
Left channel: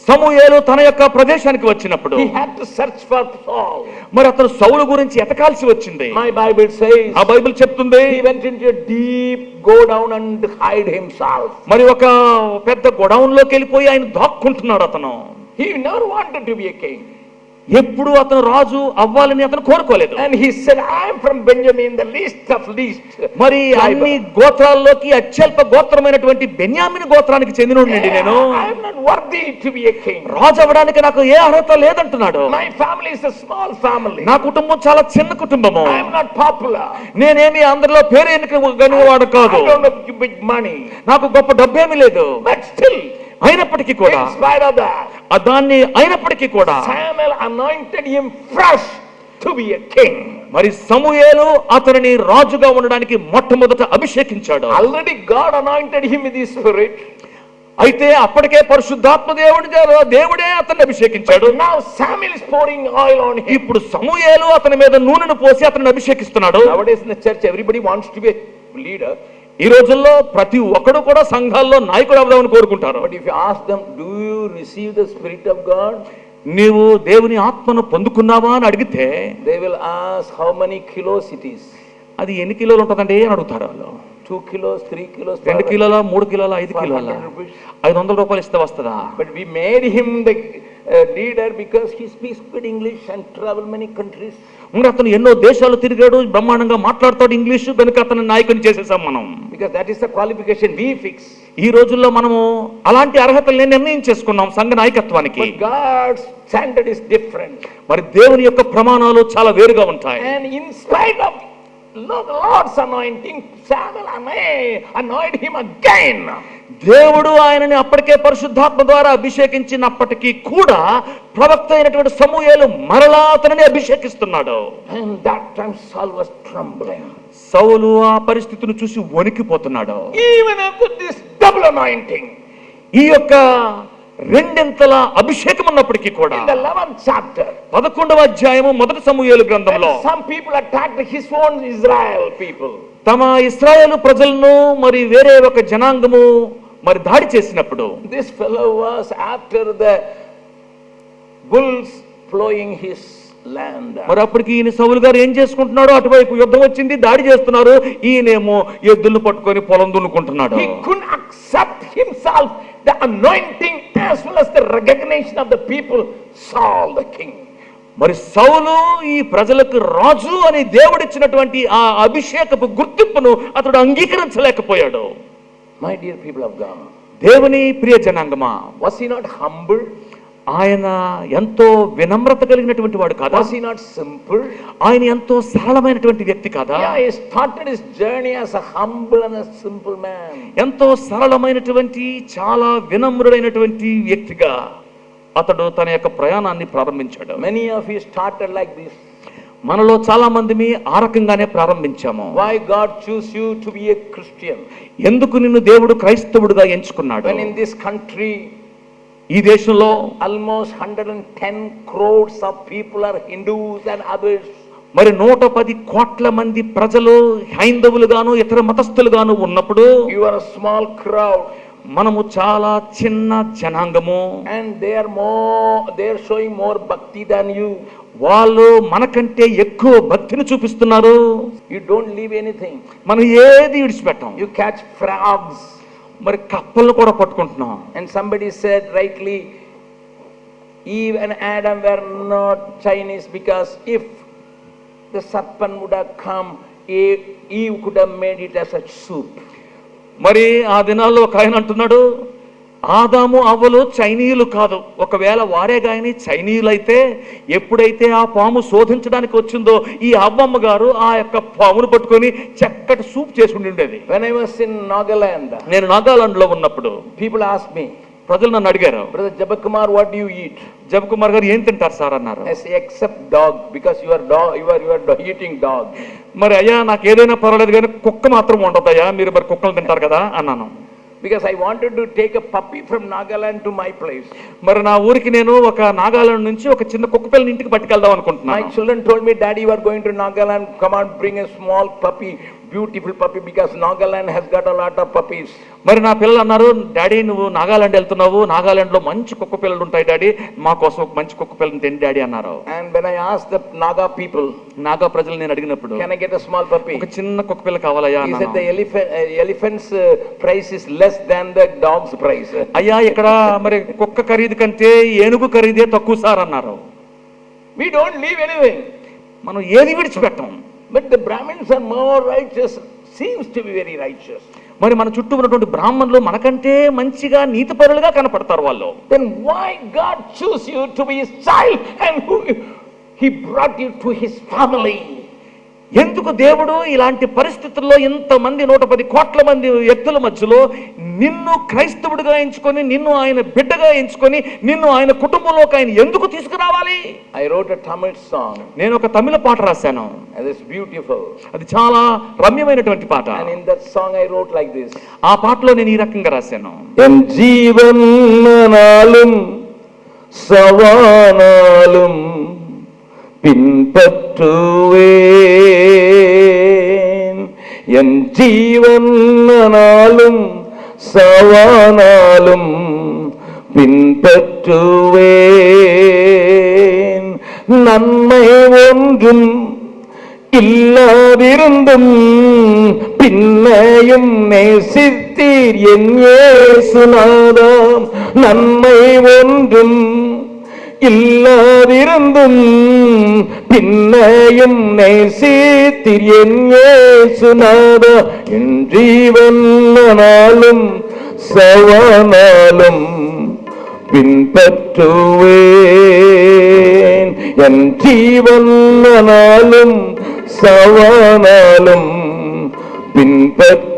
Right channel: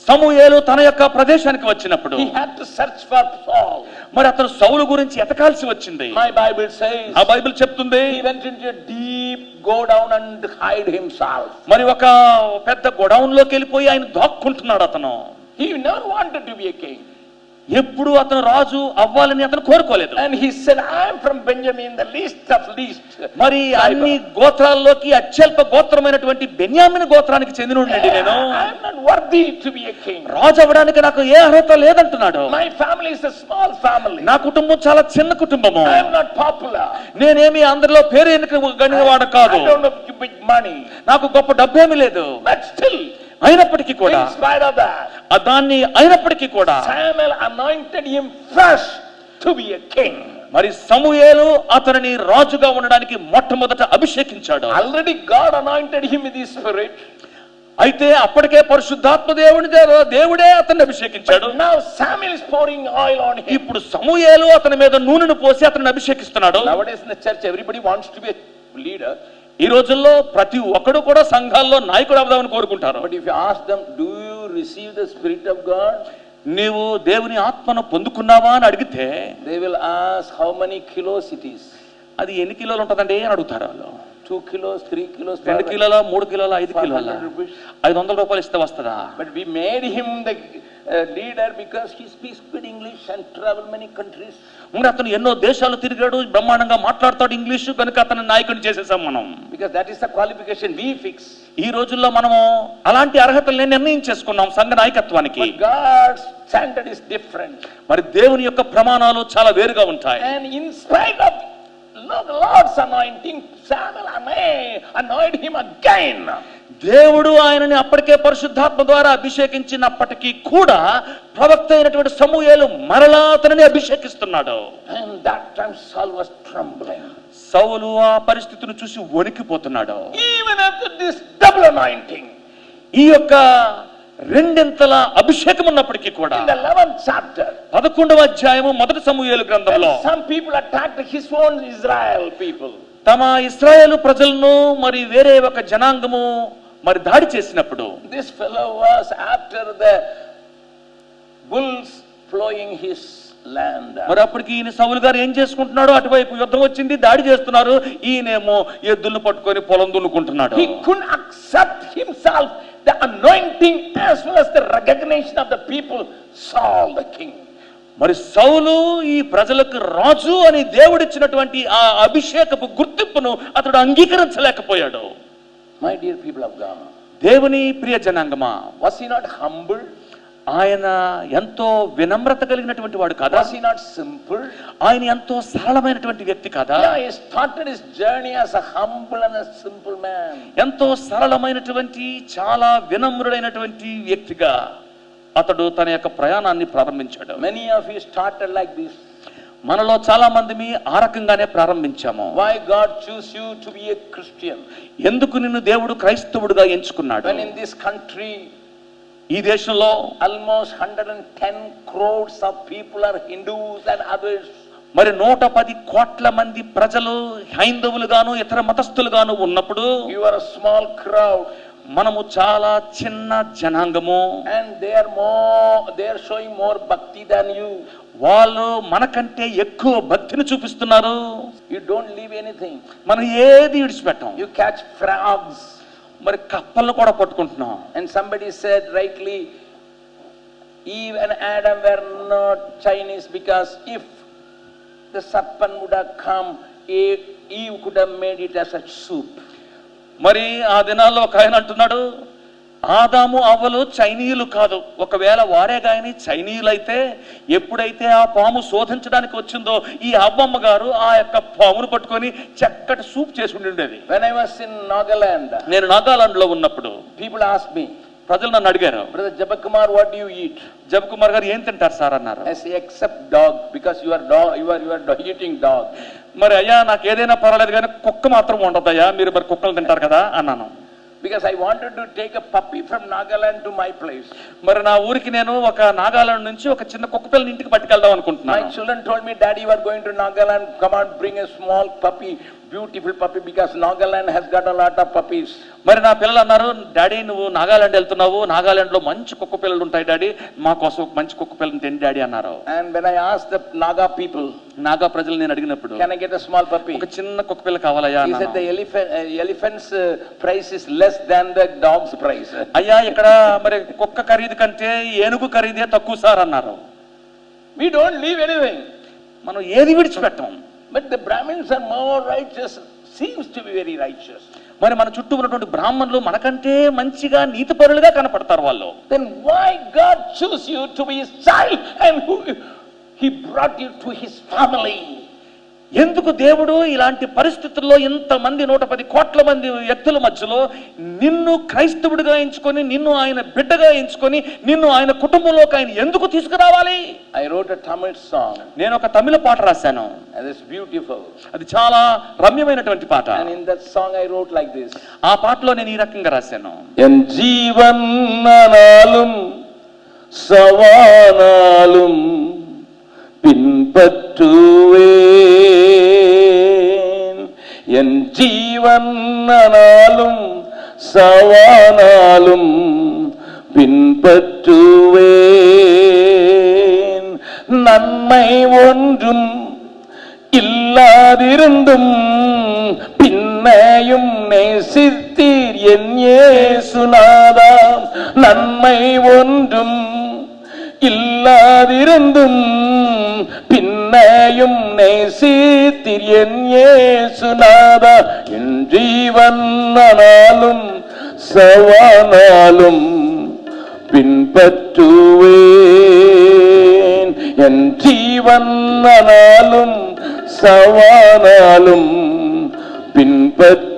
సమూయేలు తన యొక్క ప్రదేశానికి వచ్చినప్పుడు he had to search for Saul. మరి అతను సౌలు గురించి ఎతకాల్సి వచ్చింది. My Bible says, ఆ బైబిల్ చెప్తుంది, he went into a deep go down and hide himself. మరి ఒక పెద్ద గోడౌన్ లోకి వెళ్ళిపోయి ఆయన దాక్కుంటున్నాడు. అతను He never wanted to be a king. ఎప్పుడు అతను రాజు అవ్వాలని అతను కోరుకోలేదు. And he said, I am from Benjamin, the least of least. మరి అన్ని గోత్రాల్లోకి అత్యల్ప గోత్రమైనటువంటి బెన్యామిన్ గోత్రానికి చెందినోడినండి నేను. I am not worthy to be a king. రాజు అవ్వడానికి నాకు ఏ అర్హత లేదంటున్నాడు. My family is a small family. నా కుటుంబం చాలా చిన్న కుటుంబము. I am not popular. నేనేమి అందరిలో పేరు ఎన్నికవాడు కాదు. I don't have big money. నాకు గొప్ప డబ్బేమీ లేదు. But still, అయినప్పటికీ కూడా, in spite of that, దాన్ని అయినప్పటికీ కూడా Samuel anointed him fresh to be a king. మరి సమూయేలు అతనిని రాజుగా ఉండడానికి మొట్టమొదట అభిషేకించాడు. Already God anointed him with his spirit. అయితే అప్పటికే పరిశుద్ధాత్మ దేవుడే అతన్ని అభిషేకించాడు. But now Samuel is pouring oil on him. ఇప్పుడు సమూయేలు అతని మీద నూనెను పోసి అతన్ని అభిషేకిస్తున్నాడు. Nowadays in the church everybody wants to be a leader. ఈ రోజుల్లో ప్రతి ఒక్కడు కూడా సంఘాల్లో నాయకుడు అవుదామని కోరుకుంటారు. But if you ask them, do you receive the Spirit of God? నీవు దేవుని ఆత్మను పొందుకున్నావా అని అడిగితే, they will ask how many kilos it is. అది ఎన్ని కిలోలు ఉంటుందండి అని అడుగుతారు వాళ్ళు. 2 kilos, 3 kilos. 2 కిలోల 3 కిలోల 5 కిలోల 500 rupees. 500 రూపాయలు ఇస్తే వస్తుందా? But we made him the leader because he speaks good English and travel many countries. ఇంకా అతను ఎన్నో దేశాలు తిరిగాడు, బ్రహ్మాండంగా మాట్లాడతాడు ఇంగ్లీషు, కనుక అతను నాయకుని చేసేసాం మనం. Because that is the qualification we fix. ఈ రోజుల్లో మనము అలాంటి అర్హతల్ని నిర్ణయం చేసుకున్నాం సంఘ నాయకత్వానికి. But God's standard is different. మరి దేవుని యొక్క ప్రమాణాలు చాలా వేరుగా ఉంటాయి. And in spite of Lord's anointing, Samuel anointed him again. దేవుడు ఆయనని అప్పటికే పరిశుద్ధాత్మ ద్వారా అభిషేకించినప్పటికీ కూడా ప్రవక్త అయినటువంటి సమూయేలు మరలా అతనిని అభిషేకిస్తున్నాడు. And that time Saul was trembling. సౌలు ఆ పరిస్థితిని చూసి వణికిపోతున్నాడు. Even after this double anointing, ఈ యొక్క రెండింతల అభిషేకం ఉన్నప్పటికీ కూడా in the 11th chapter, 11వ అధ్యాయము మొదటి సమూయేలు గ్రంథంలో some people attacked his own Israel people. తమ ఇశ్రాయేలు ప్రజలను మరి వేరే ఒక జనాంగము మరి దాడి చేసినప్పుడు, This fellow was after the bulls plowing his land. మరి అప్పటికి ఈయన సౌలు గారు ఏం చేసుకుంటున్నాడు, అటువైపు యుద్ధం వచ్చింది, దాడి చేస్తున్నారు, ఈయనేమో ఎద్దులను పట్టుకొని పొలం దున్నుకుంటున్నాడు. He couldn't accept himself the anointing as well as the recognition of the people, Saul the king. మరి సౌలు ఈ ప్రజలకు రాజు అని దేవుడిచ్చినటువంటి ఆ అభిషేకపు గుర్తింపును అతడు అంగీకరించలేకపోయాడు. My dear people of God, దేవుని ప్రియ జనాంగమా, was he not humble? ఆయన ఎంతో వినమ్రత కలిగినటువంటి వాడు కాదా? Was he not simple? ఆయన ఎంతో సరళమైనటువంటి వ్యక్తి కాదా? Yeah, he started his journey as a humble and a simple man. ఎంతో సరళమైనటువంటి చాలా వినమ్రుడైనటువంటి వ్యక్తిగా అతడు తన యొక్క ప్రయాణాన్ని ప్రారంభించాడు. Many of you started like this. మనలో చాలా మంది ఆ రకంగానే ప్రారంభించాము. Why God choose you to be a Christian? ఎందుకు నిన్ను దేవుడు క్రైస్తవుడిగా ఎంచుకున్నాడు? When in this country ఈ దేశంలో almost 110 crores of people are Hindus and others. మరి 110 కోట్ల మంది ప్రజలు హైందవులుగాను ఇతర మతస్థులుగాను ఉన్నప్పుడు, You are a small crowd. మనము చాలా చిన్న జనాంగము. And they are showing more bhakti than you. వాళ్ళు మనకంటే ఎక్కువ భక్తిని చూపిస్తున్నారు. You don't leave anything. మనం ఏది విడిచిపెట్టాం. You catch frogs. మరి కప్పలను కూడా పట్టుకుంటున్నాం. And somebody said rightly, Eve and Adam were not Chinese because if the serpent would have come, Eve could have made it as a soup. మరి ఆ దినాల్లో ఒక ఆయన అంటున్నాడు, ఆదాము అవ్వలు చైనీయులు కాదు, ఒకవేళ వారే గాని చైనీయులు అయితే ఎప్పుడైతే ఆ పాము శోధించడానికి వచ్చిందో ఈ అవ్వమ్మ గారు ఆ యొక్క పామును పట్టుకొని చక్కటి సూప్ చేసి ఉండేది. When I was in Nagaland, నేను నాగాలాండ్ లో ఉన్నప్పుడు people asked me, ప్రజలు నన్ను అడిగారు, Brother Jabakumar, what do you eat? జబకుమార్ గారు ఏం తింటారు సార్ అన్నారు. I say, except dog, because you are eating dog. మరి అయ్యా నాకు ఏదైనా పర్వాలేదు కానీ కుక్క మాత్రం ఉండదయ్యా, మీరు మరి కుక్కలు తింటారు కదా అన్నాను. Because I wanted to take a puppy from Nagaland to my place. మరి నా ఊరికి నేను ఒక నాగాలాండ్ నుంచి ఒక చిన్న కుక్క పిల్లని ఇంటికి పట్టుకెళ్దాం అనుకుంటున్నాను. My children told me, Daddy, you are going to Nagaland, come on, bring a small puppy, beautiful puppy, because Nagaland has got a lot of puppies. మరి నా పిల్లలు అన్నారు, డాడీ నువ్వు నాగాలాండ్ వెళ్తున్నావు, నాగాలాండ్ లో మంచి కుక్క పిల్లలు ఉంటాయి డాడీ, మా కోసం ఒక మంచి కుక్క పిల్లని తిండి డాడీ అన్నారు. And when I asked the Naga people, Naga ప్రజలు నేను అడిగినప్పుడు, can I get a small puppy? ఒక చిన్న కుక్క పిల్ల కావాలయ్యా He said అన్నాను. the elephant's price is less than the dog's price. అయ్యా ఇక్కడ మరి కుక్క ఖరీదు కంటే ఏనుగు ఖరీదే తక్కువ సార్ అన్నారు. We don't leave anything. మనం ఏది విడిచిపెట్టాం. But the Brahmins are more righteous, seems to be very righteous. మరి మన చుట్టూ ఉన్నటువంటి బ్రాహ్మణులు మనకంటే మంచిగా నీతిపరులుగా కనపడతారు వాళ్ళు. Then why God choose you to be his child and he brought you to his family? ఎందుకు దేవుడు ఇలాంటి పరిస్థితుల్లో ఇంతమంది 110 కోట్ల మంది వ్యక్తుల మధ్యలో నిన్ను క్రైస్తవుడిగా ఎంచుకొని, నిన్ను ఆయన బిడ్డగా ఎంచుకొని, నిన్ను ఆయన కుటుంబంలోకి ఆయన ఎందుకు తీసుకురావాలి? I wrote a Tamil song. నేను ఒక తమిళ పాట రాశాను. And it's beautiful. అది చాలా రమ్యమైనటువంటి పాట. And in that song I wrote like this. ఆ పాటలో నేను ఈ రకంగా రాశాను. En jeevanalum savanalum பின்பற்றுவேன், என் ஜீவனாலும் சவானாலும் பின்பற்றுவேன். நன்மை ஒன்றும் இல்லாதிருந்தும் பின்னையும் நேசித்தீர் என் இயேசுநாதாம். நன்மை ஒன்றும் இல்லாதிருந்தும் பின்னையும் நேசித்தீர் என் இயேசுநாதா. என் ஜீவன் ஆனாலும் சவானாலும் பின்பற்றுவேன். என் ஜீவன் ஆனாலும் சவானாலும் பின்பற்றுவேன்.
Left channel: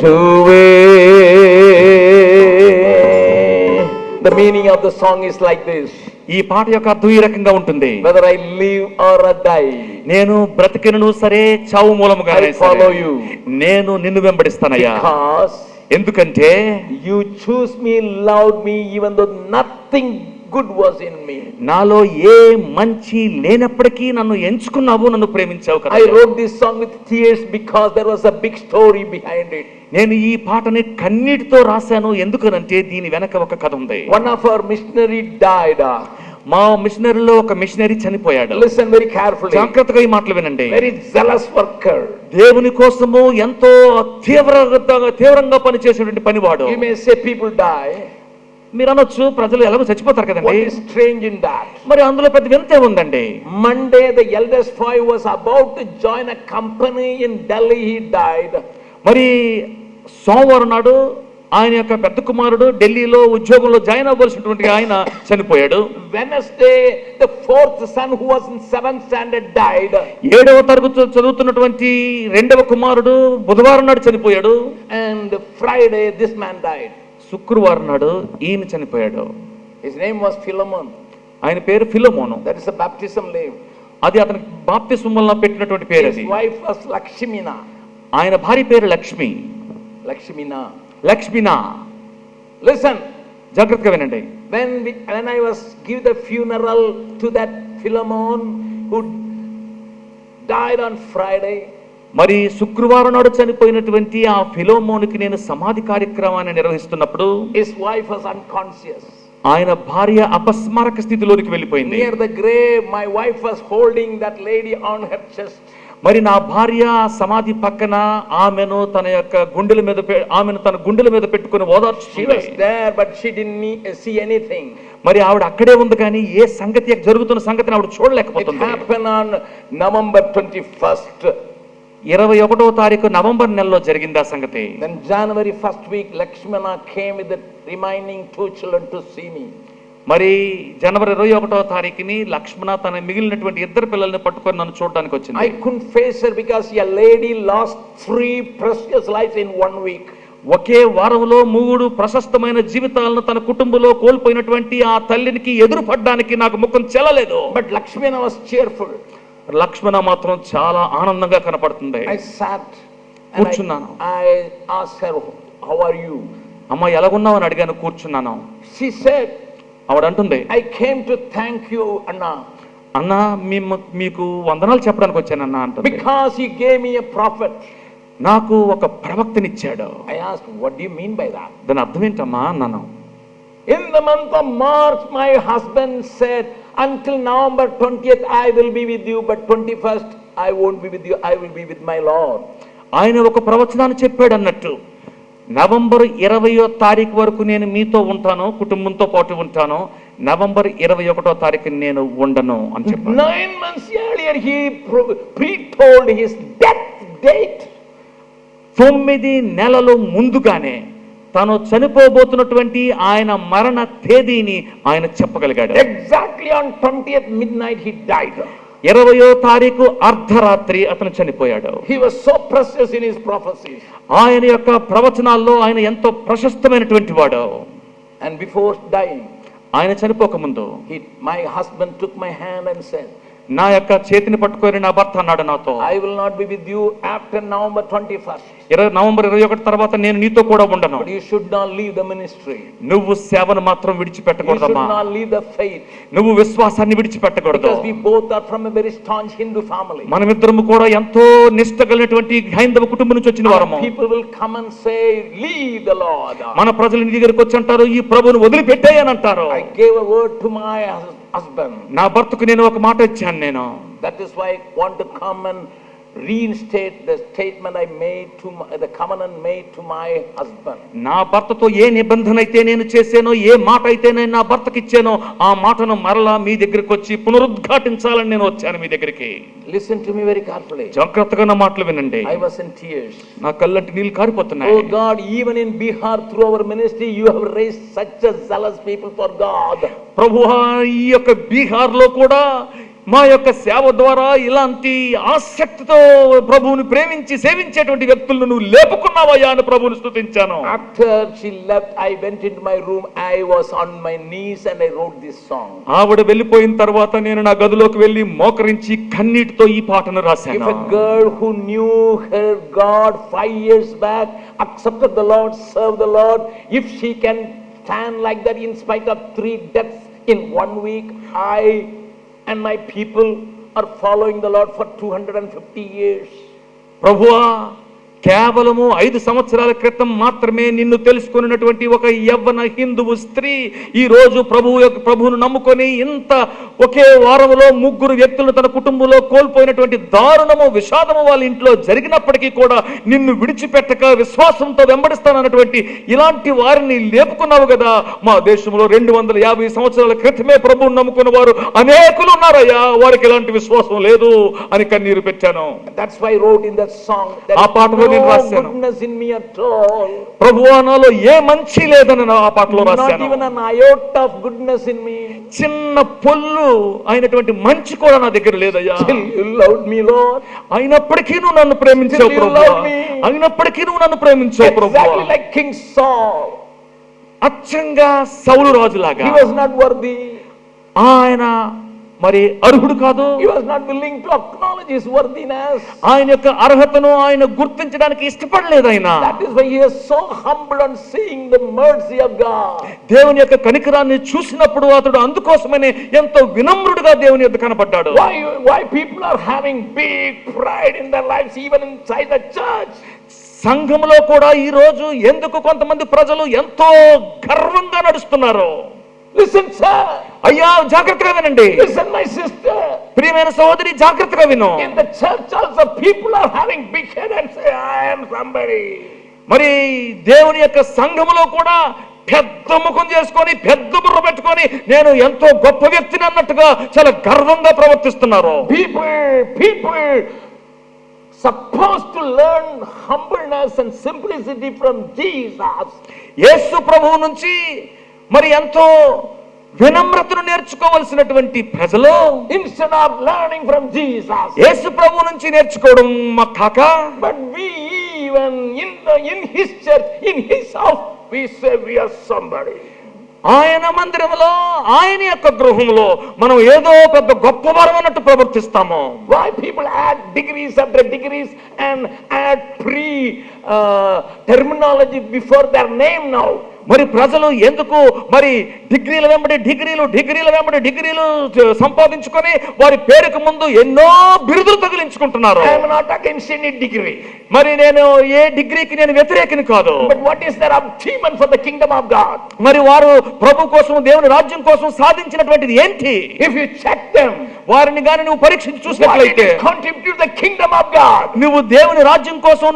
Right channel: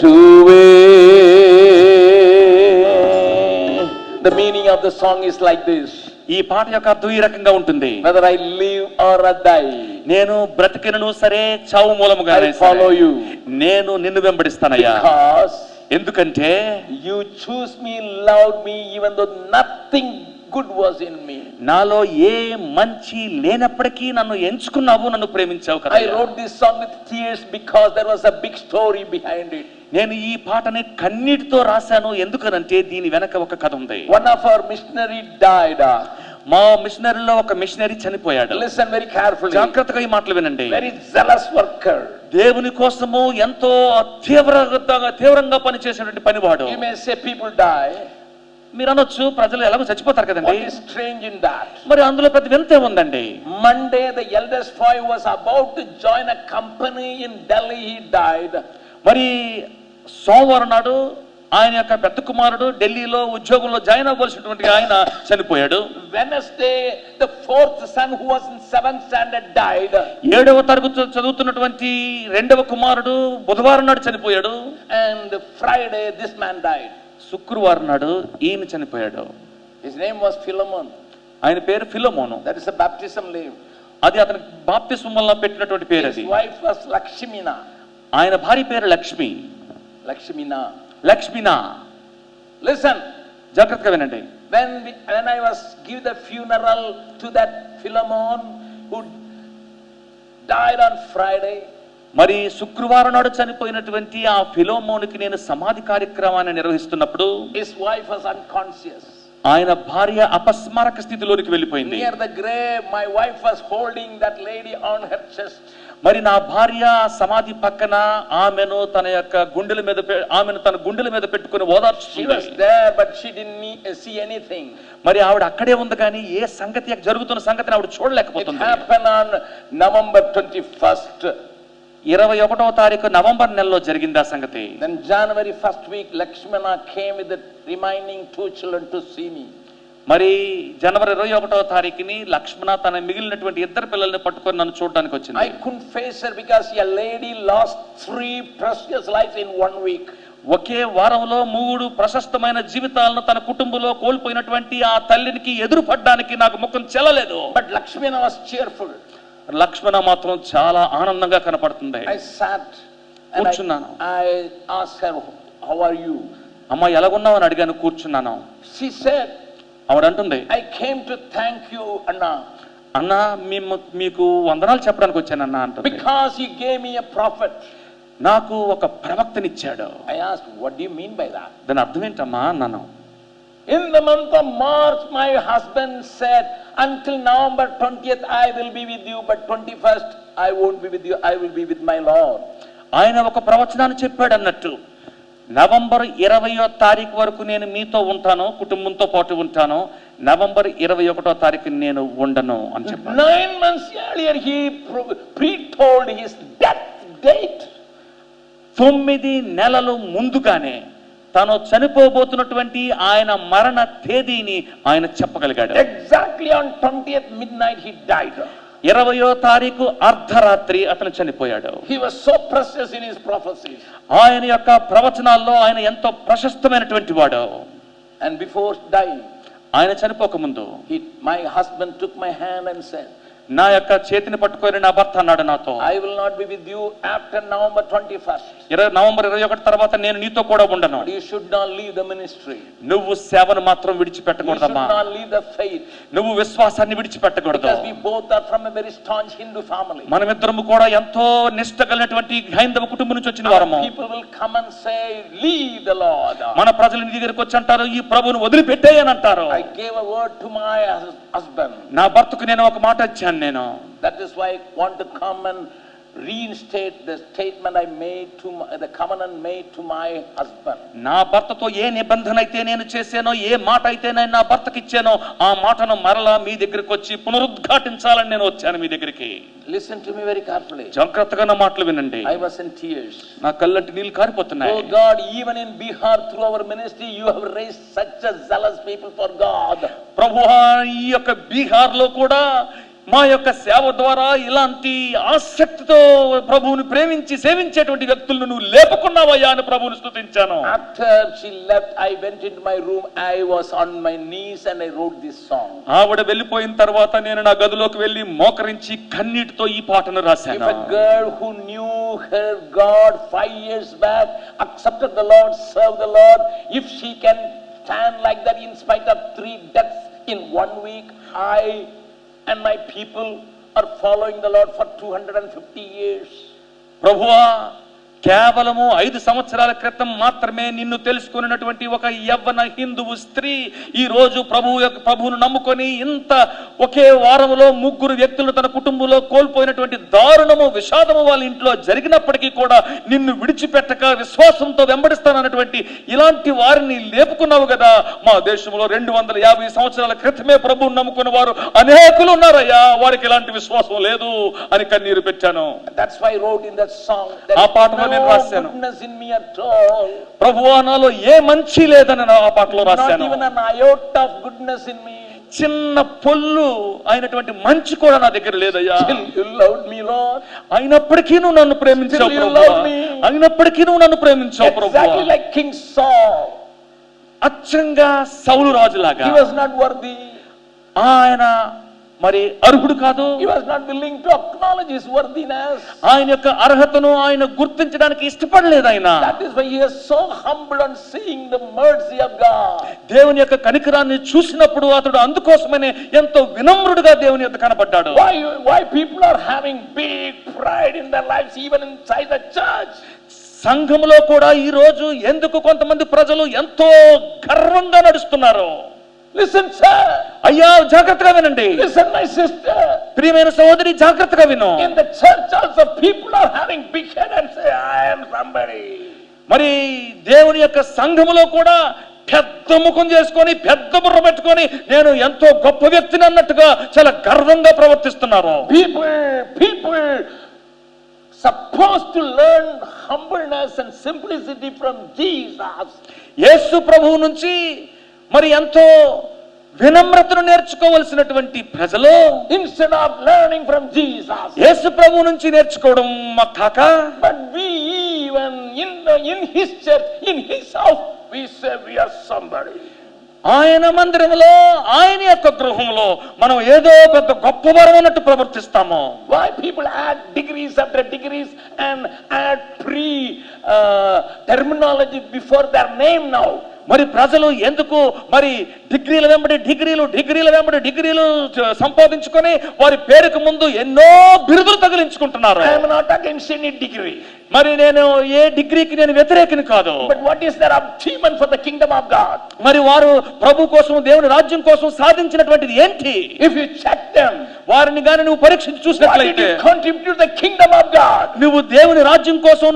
The meaning of the song is like this. ఈ పాట యొక్క అర్థం ఈ రకంగా ఉంటుంది. Whether I live or I die, నేను బ్రతికినను సరే చావు మూలముగా I follow you. నేను నిన్ను వెంబడిస్తానయ్యా. Because ఎందుకంటే you choose me, loved me, even though nothing good was in me. నాలో ఏ మంచి లేనప్పటికీ నన్ను ఎంచుకున్నావు, నన్ను ప్రేమించావు కదా. I wrote this song with tears because there was a big story behind it. నేను ఈ పాటని కన్నీటితో రాశాను. ఎందుకనంటే దీని వెనక ఒక కథ ఉంది. One of our missionary died. మా మిషనరీలో ఒక మిషనరీ చనిపోయాడు. Listen very carefully. జాగ్రత్తగా ఈ మాటలు వినండి. Very zealous worker. దేవుని కోసము ఎంతో తీవ్రంగా పనిచేసేటువంటి పనివాడు. You may say people die. మీరు అనొచ్చు ప్రజలు ఎలాగో చచ్చిపోతారు What కదండి. is strange in that? మరి అందులో పెద్ద వింతే ఉందండి. Monday the eldest boy was about to join a company in Delhi. He died. మరి సోమవారం నాడు ఆయన యొక్క పెద్ద కుమారుడు ఢిల్లీలో ఉద్యోగంలో జాయిన్ అవ్వాల్సినటువంటి ఆయన చనిపోయాడు. Wednesday the fourth son who was in 7th standard died. 7వ తరగతి చదువుతున్నటువంటి రెండవ కుమారుడు బుధవారం నాడు చనిపోయాడు. And Friday this man died. శుక్రవారం నాడు ఈయన చనిపోయాడు. His name was Philemon. ఆయన పేరు ఫిలమోను. That is a baptism name. అది అతనికి బాప్తిస్మంలో పెట్టినటువంటి పేరు His అది. wife was Lakshmina. ఆయన భార్య పేరు లక్ష్మి. Lakshmina. లక్ష్మినా. Listen. జాగ్రత్తగా వినండి. When I was give the funeral to that Philemon who died on Friday. మరి శుక్రవారం నాడు చనిపోయినటువంటి ఆ ఫిలోమోనుకి నేను సమాధి కార్యక్రమాన్ని నిర్వహిస్తున్నప్పుడు His wife was unconscious. ఆయన భార్య అపస్మారక స్థితిలోనికి వెళ్ళిపోయింది. Near the grave, my wife was holding that lady on her chest. మరి నా భార్య సమాధి పక్కన ఆమెను తన గుండెల మీద పెట్టుకుని She ఓదార్చుతుంది. was there, but she didn't see anything. మరి ఆవిడ అక్కడే ఉంది కానీ ఏ సంగతి జరుగుతున్న సంగతిని ఆవిడ It చూడలేకపోతుంది. happened on November 21st. 21వ తారీఖు నవంబర్ నెలలో జరిగింది ఆ సంగతి. Then January 1st week, Lakshmana came with the remaining 2 children to see me. మరి జనవరి 21వ తారీఖుని లక్ష్మణ తన మిగిలినటువంటి 2 పిల్లల్ని పట్టుకొని నన్ను చూడడానికి వచ్చింది. I couldn't face her because a lady lost 3 precious lives in 1 week. ఒకే వారంలో 3 ప్రశస్తమైన జీవితాలను తన కుటుంబంలో కోల్పోయినటువంటి ఆ తల్లికి ఎదురుపడడానికి నాకు ముఖం చెల్లలేదు. But Lakshmana was cheerful. లక్ష్మణ మాత్రం చాలా ఆనందంగా కనపడుతుంది. I sat and కూర్చున్నాను. I asked her, how are you? అమ్మ ఎలాగున్నావు అని అడిగాను. కూర్చున్నాను. She said, ఆవిడ అంటుంది, I came to thank you, Anna, అన్నా మీకు వందనాలు చెప్పడానికి వచ్చానన్నా అంటుంది. because he gave me a prophet. నాకు ఒక ప్రవక్తనిచ్చాడు. I asked, what do you mean by that? దాని అర్థం ఏంటమ్మా అన్నాను. In the month of March, my husband said, until November 20th, I will be with you, but 21st, I won't be with you, I will be with my Lord. ఆయన ఒక ప్రవచనాన్ని చెప్పాడు అన్నట్టు. November 20వ తారీఖు వరకు నేను మీతో ఉంటాను, కుటుంబంతో పాటు ఉంటాను. నవంబర్ 21వ తారీఖు నేను ఉండను అని చెప్పాడు. 9 months earlier, he pre-told his death date. 9 నెలలు ముందుగానే తాను చనిపోబోతున్నటువంటి ఆయన మరణ తేదీని ఆయన చెప్పగలిగాడు. Exactly on 20th midnight, he died. 20వ తారీఖు అర్ధరాత్రి అతను చనిపోయాడు. He was so precious in his prophecies. ఆయన యొక్క ప్రవచనాల్లో ఆయన ఎంతో ప్రశస్తమైనటువంటి వాడు. And before dying, ఆయన చనిపోక ముందు my husband took my hand and said, నా యొక్క చేతిని పట్టుకొని నా భర్త అన్నాడు నాతో, I will not be with you after November 21st. November 21 తర్వాత నేను నీతో కూడా ఉండను. But you should not leave the ministry. నువ్వు సేవను మాత్రం You should విడిచిపెట్టకూడదమ్మా. not leave the faith. నువ్వు విశ్వాసాన్ని విడిచిపెట్టకూడదు. Because we both are from a very staunch Hindu family. మనమిద్దరము కూడా ఎంతో నిష్ఠ కలిగినటువంటి హైందవ కుటుంబం నుంచి వచ్చిన వారము. People will come and say, leave the Lord. మన ప్రజలు నీ దగ్గరికి వచ్చి అంటారు, ఈ ప్రభువును వదిలిపెట్టేయ్ అని అంటారు. I gave a word to my husband. నా భర్తకు నేను ఒక మాట ఇచ్చాను నేను. That is why I want to come and reinstate the statement I made to the covenant made to my husband. నా భర్తతో ఏ నిబంధన అయితే నేను చేశానో, ఏ మాట అయితే నేను నా భర్తకి ఇచ్చానో, ఆ మాటను మరలా మీ దగ్గరికి వచ్చి పునరుద్ఘాటించాలని నేను వచ్చాను మీ దగ్గరికి. Listen to me very carefully. జాగ్రత్తగా నా మాటలు వినండి. I was in tears. నా కళ్ళంటి నీళ్లు కారిపోతున్నాయి. Oh God, even in Bihar through our ministry you have raised such a zealous people for God. ప్రభువా, ఈ యొక్క బీహార్ లో కూడా మా యొక్క సేవ ద్వారా ఇలాంటి ఆసక్తితో ప్రభువుని ప్రేమించి సేవించేటువంటి వ్యక్తులను నువ్వు లేపుకున్నావయ్యా అని ప్రభువుని స్తుతించాను. After she left, I went into my room. I was on my knees and I wrote this song. ఆవిడ వెళ్ళిపోయిన తర్వాత నేను నా గదిలోకి వెళ్ళి మోకరించి కన్నీటితో ఈ పాటను రాశాను. If a girl who knew her God 5 years back, accepted the Lord, served the Lord, if she can stand like that in spite of 3 deaths in 1 week, I and my people are following the Lord for 250 years. ప్రభువా, కేవలము 5 సంవత్సరాల క్రితం మాత్రమే నిన్ను తెలుసుకున్నటువంటి ఒక యవ్వన హిందువు స్త్రీ ఈ రోజు ప్రభువును నమ్ముకొని ఇంత ఒకే వారంలో 3 వ్యక్తులను తన కుటుంబంలో కోల్పోయినటువంటి దారుణము, విషాదము వాళ్ళ ఇంట్లో జరిగినప్పటికీ కూడా నిన్ను విడిచిపెట్టక విశ్వాసంతో వెంబడిస్తానన్నటువంటి ఇలాంటి వారిని లేపుకున్నావు కదా. మా దేశంలో 250 సంవత్సరాల క్రితమే ప్రభువును నమ్ముకున్న వారు అనేకులు ఉన్నారయ్యా, వారికి ఇలాంటి విశ్వాసం లేదు అని కన్నీరు పెట్టాను. That's why I wrote in that song that ఆ పాటలో నేను రాశాను, goodness in me at all. ప్రభువా, నాలో ఏ మంచి లేదని ఆ పాటలో Not రాశాను. even an iota of goodness in me. చిన్న పొల్లు అయినటువంటి మంచి కూడా నా దగ్గర లేదయ్యా. Still you loved me, Lord. అయినప్పటికీ నువ్వు నన్ను ప్రేమించావు Still you ప్రభువా. love me. అయినప్పటికీ నువ్వు నన్ను ప్రేమించావు ప్రభువా. Exactly like King Saul. అచ్చంగా సౌలు రాజులాగా He was not worthy. ఆయన మరి అర్హుడు కాదు. He was not willing to acknowledge his worthiness. ఆయన యొక్క అర్హతను ఆయన గుర్తించడానికి ఇష్టపడలేదు ఆయన. That is why he is so humble on seeing the mercy of God. దేవుని యొక్క కనికరాన్ని చూసినప్పుడు అతడు అందుకోసమనే ఎంతో వినమ్రుడుగా దేవుని యొద్ద కనబడ్డాడు. Why people are having big pride in their lives even inside the church? సంఘంలో కూడా ఈ రోజు ఎందుకు కొంతమంది ప్రజలు ఎంతో గర్వంగా నడుస్తున్నారు? Listen, sir. అయ్యా, జాగ్రత్తగా వినండి. Listen, my sister. ప్రియమైన సహోదరి, జాగ్రత్తగా విను. In the church also people are having big head and say I am somebody. మరి దేవుని యొక్క సంఘములో కూడా పెద్ద ముఖం చేసుకొని పెద్ద బుర్ర పెట్టుకొని నేను ఎంతో గొప్ప వ్యక్తిని అన్నట్టుగా చాలా గర్వంగా ప్రవర్తిస్తున్నారు. People supposed to learn humbleness and simplicity from Jesus. యేసు ప్రభువు నుంచి మరి ఎంతో వినమ్రతను నేర్చుకోవలసినటువంటి ప్రజలు Instead of learning from Jesus, యేసు ప్రభువు నుంచి నేర్చుకోవడం కాక, but we even in his church, in his house, we say we are somebody. ఆయన మందిరంలో, ఆయన యొక్క గృహంలో మనం ఏదో పెద్ద గొప్పవారం అన్నట్టు ప్రవర్తిస్తాము. Why people add degrees after degrees and add terminology before their name now? మరి ప్రజలు ఎందుకు మరి డిగ్రీల వెంబడి డిగ్రీలు సంపాదించుకొని వారి పేరుకు ముందు ఎన్నో బిరుదులు తగిలించుకుంటున్నారు? I am not against any degree. మరి నేను ఏ డిగ్రీకి నేను వ్యతిరేకిని కాదు. But what is their achievement for the kingdom of God? మరి వారు ప్రభు కోసం, దేవుని రాజ్యం కోసం సాధించినటువంటిది ఏంటి? If you check them, వారిని గాని నువ్వు పరీక్షించి what did చూసినట్లయితే you contribute to the kingdom of God? నువ్వు దేవుని రాజ్యం కోసం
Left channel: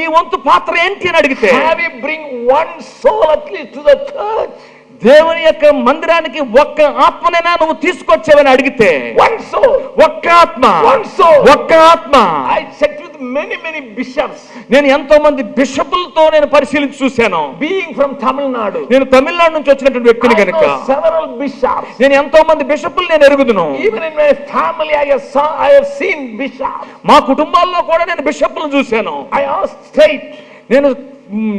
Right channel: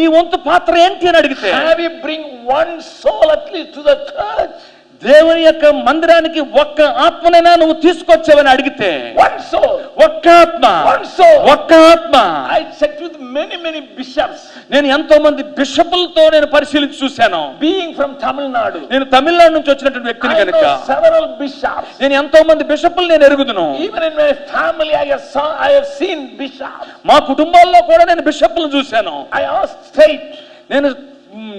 నీ వంతు పాత్ర ఏంటి అని అడిగితే, Have you bring one soul at least to the church? దేవుని యొక్క మందిరానికి ఒక్క ఆత్మనైనా నువ్వు తీసుకొచ్చావని అడిగితే, One soul. ఒక్క ఆత్మ, One soul. ఒక్క ఆత్మ. I checked with many bishops. నేను ఎంతో మంది బిషపులతో నేను పరిశీలించి చూశాను. Being from Tamil Nadu, నేను తమిళనాడు నుంచి వచ్చినటువంటి వ్యక్తిని I కనుక know several bishops. నేను ఎంతో మంది బిషపులు నేను ఎరుగుదును. Even in my family, I have seen bishops. మా కుటుంబాల్లో కూడా నేను బిషపులను చూశాను. I asked straight, నేను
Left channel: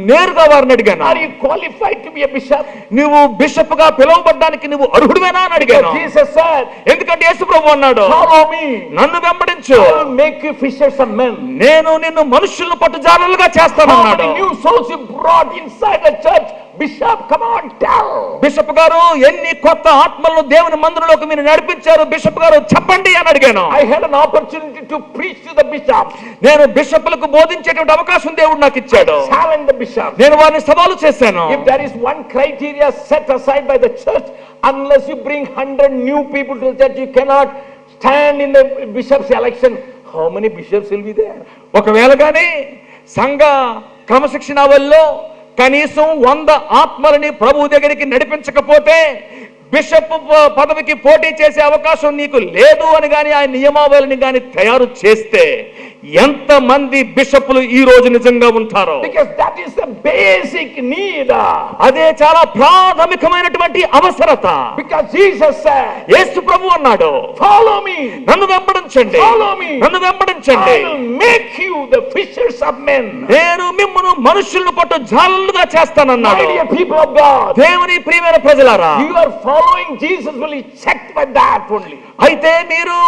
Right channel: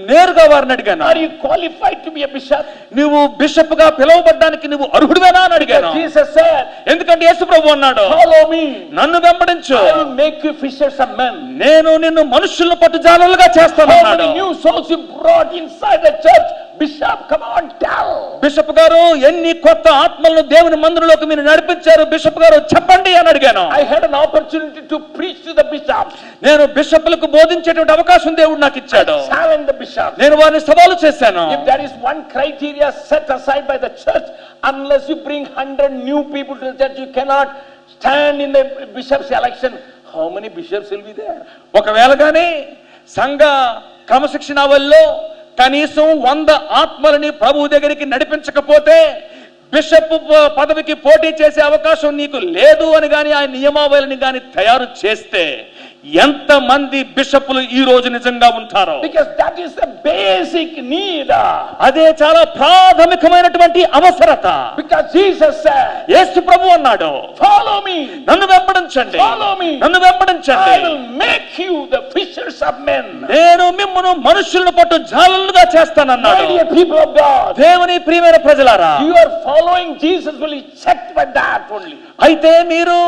నేరుగా వారిని అడిగాను, are you qualified to be a bishop? నువ్వు బిషప్ గా పిలువబడ్డానికి నువ్వు అర్హుడివేనా అని అడిగాను. Jesus said, ఎందుకంటే యేసు ప్రభు అన్నాడు, follow me. నన్ను వెంబడించు, I will make you fishers of men. నేను నిన్ను మనుషులను పట్టుజాలలుగా How చేస్తానన్నాడు. many new souls you brought inside the church? Bishop, come on, tell. Bishop గారు, ఎన్ని కొత్త ఆత్మలను దేవుని మందిరంలోకి మీరు నడిపించారు బిషప్ గారు, చెప్పండి అని అడిగాను. I had an opportunity to preach to the bishops. నేను బిషప్లకు బోధించేటువంటి అవకాశం దేవుడు నాకు ఇచ్చాడు. Challenge the bishops. నేను వారిని సవాలు చేశాను. If there is one criteria set aside by the church, unless you bring 100 new people to the church, you cannot stand in the bishop's election. how many bishops will be there? ఒకవేళ కానీ సంఘ క్రమశిక్షణ వల్ల కనీసం 100 ఆత్మలని ప్రభు దగ్గరికి నడిపించకపోతే bishop పదవికి పోటీ చేసే అవకాశం నీకు లేదు అని గాని ఆ నియమావళిని గాని తయారు చేస్తే ఎంత మంది బిషప్లు ఈ రోజు నిజంగా ఉంటారో? Because that is the basic need. అదే చాలా ప్రాథమికమైనటువంటి అవసరత. Because Jesus said, యేసు ప్రభు అన్నాడు, follow me, నన్ను వెంబడించండి, follow me, నన్ను వెంబడించండి, I will make you the fishers of men. నేను మిమ్మును మనుషులను పట్టు జాలలుగా చేస్తానన్నాడు. My dear people of God, దేవుని ప్రియమైన ప్రజలారా, you are following Jesus will be checked by that only. అయితే మీరు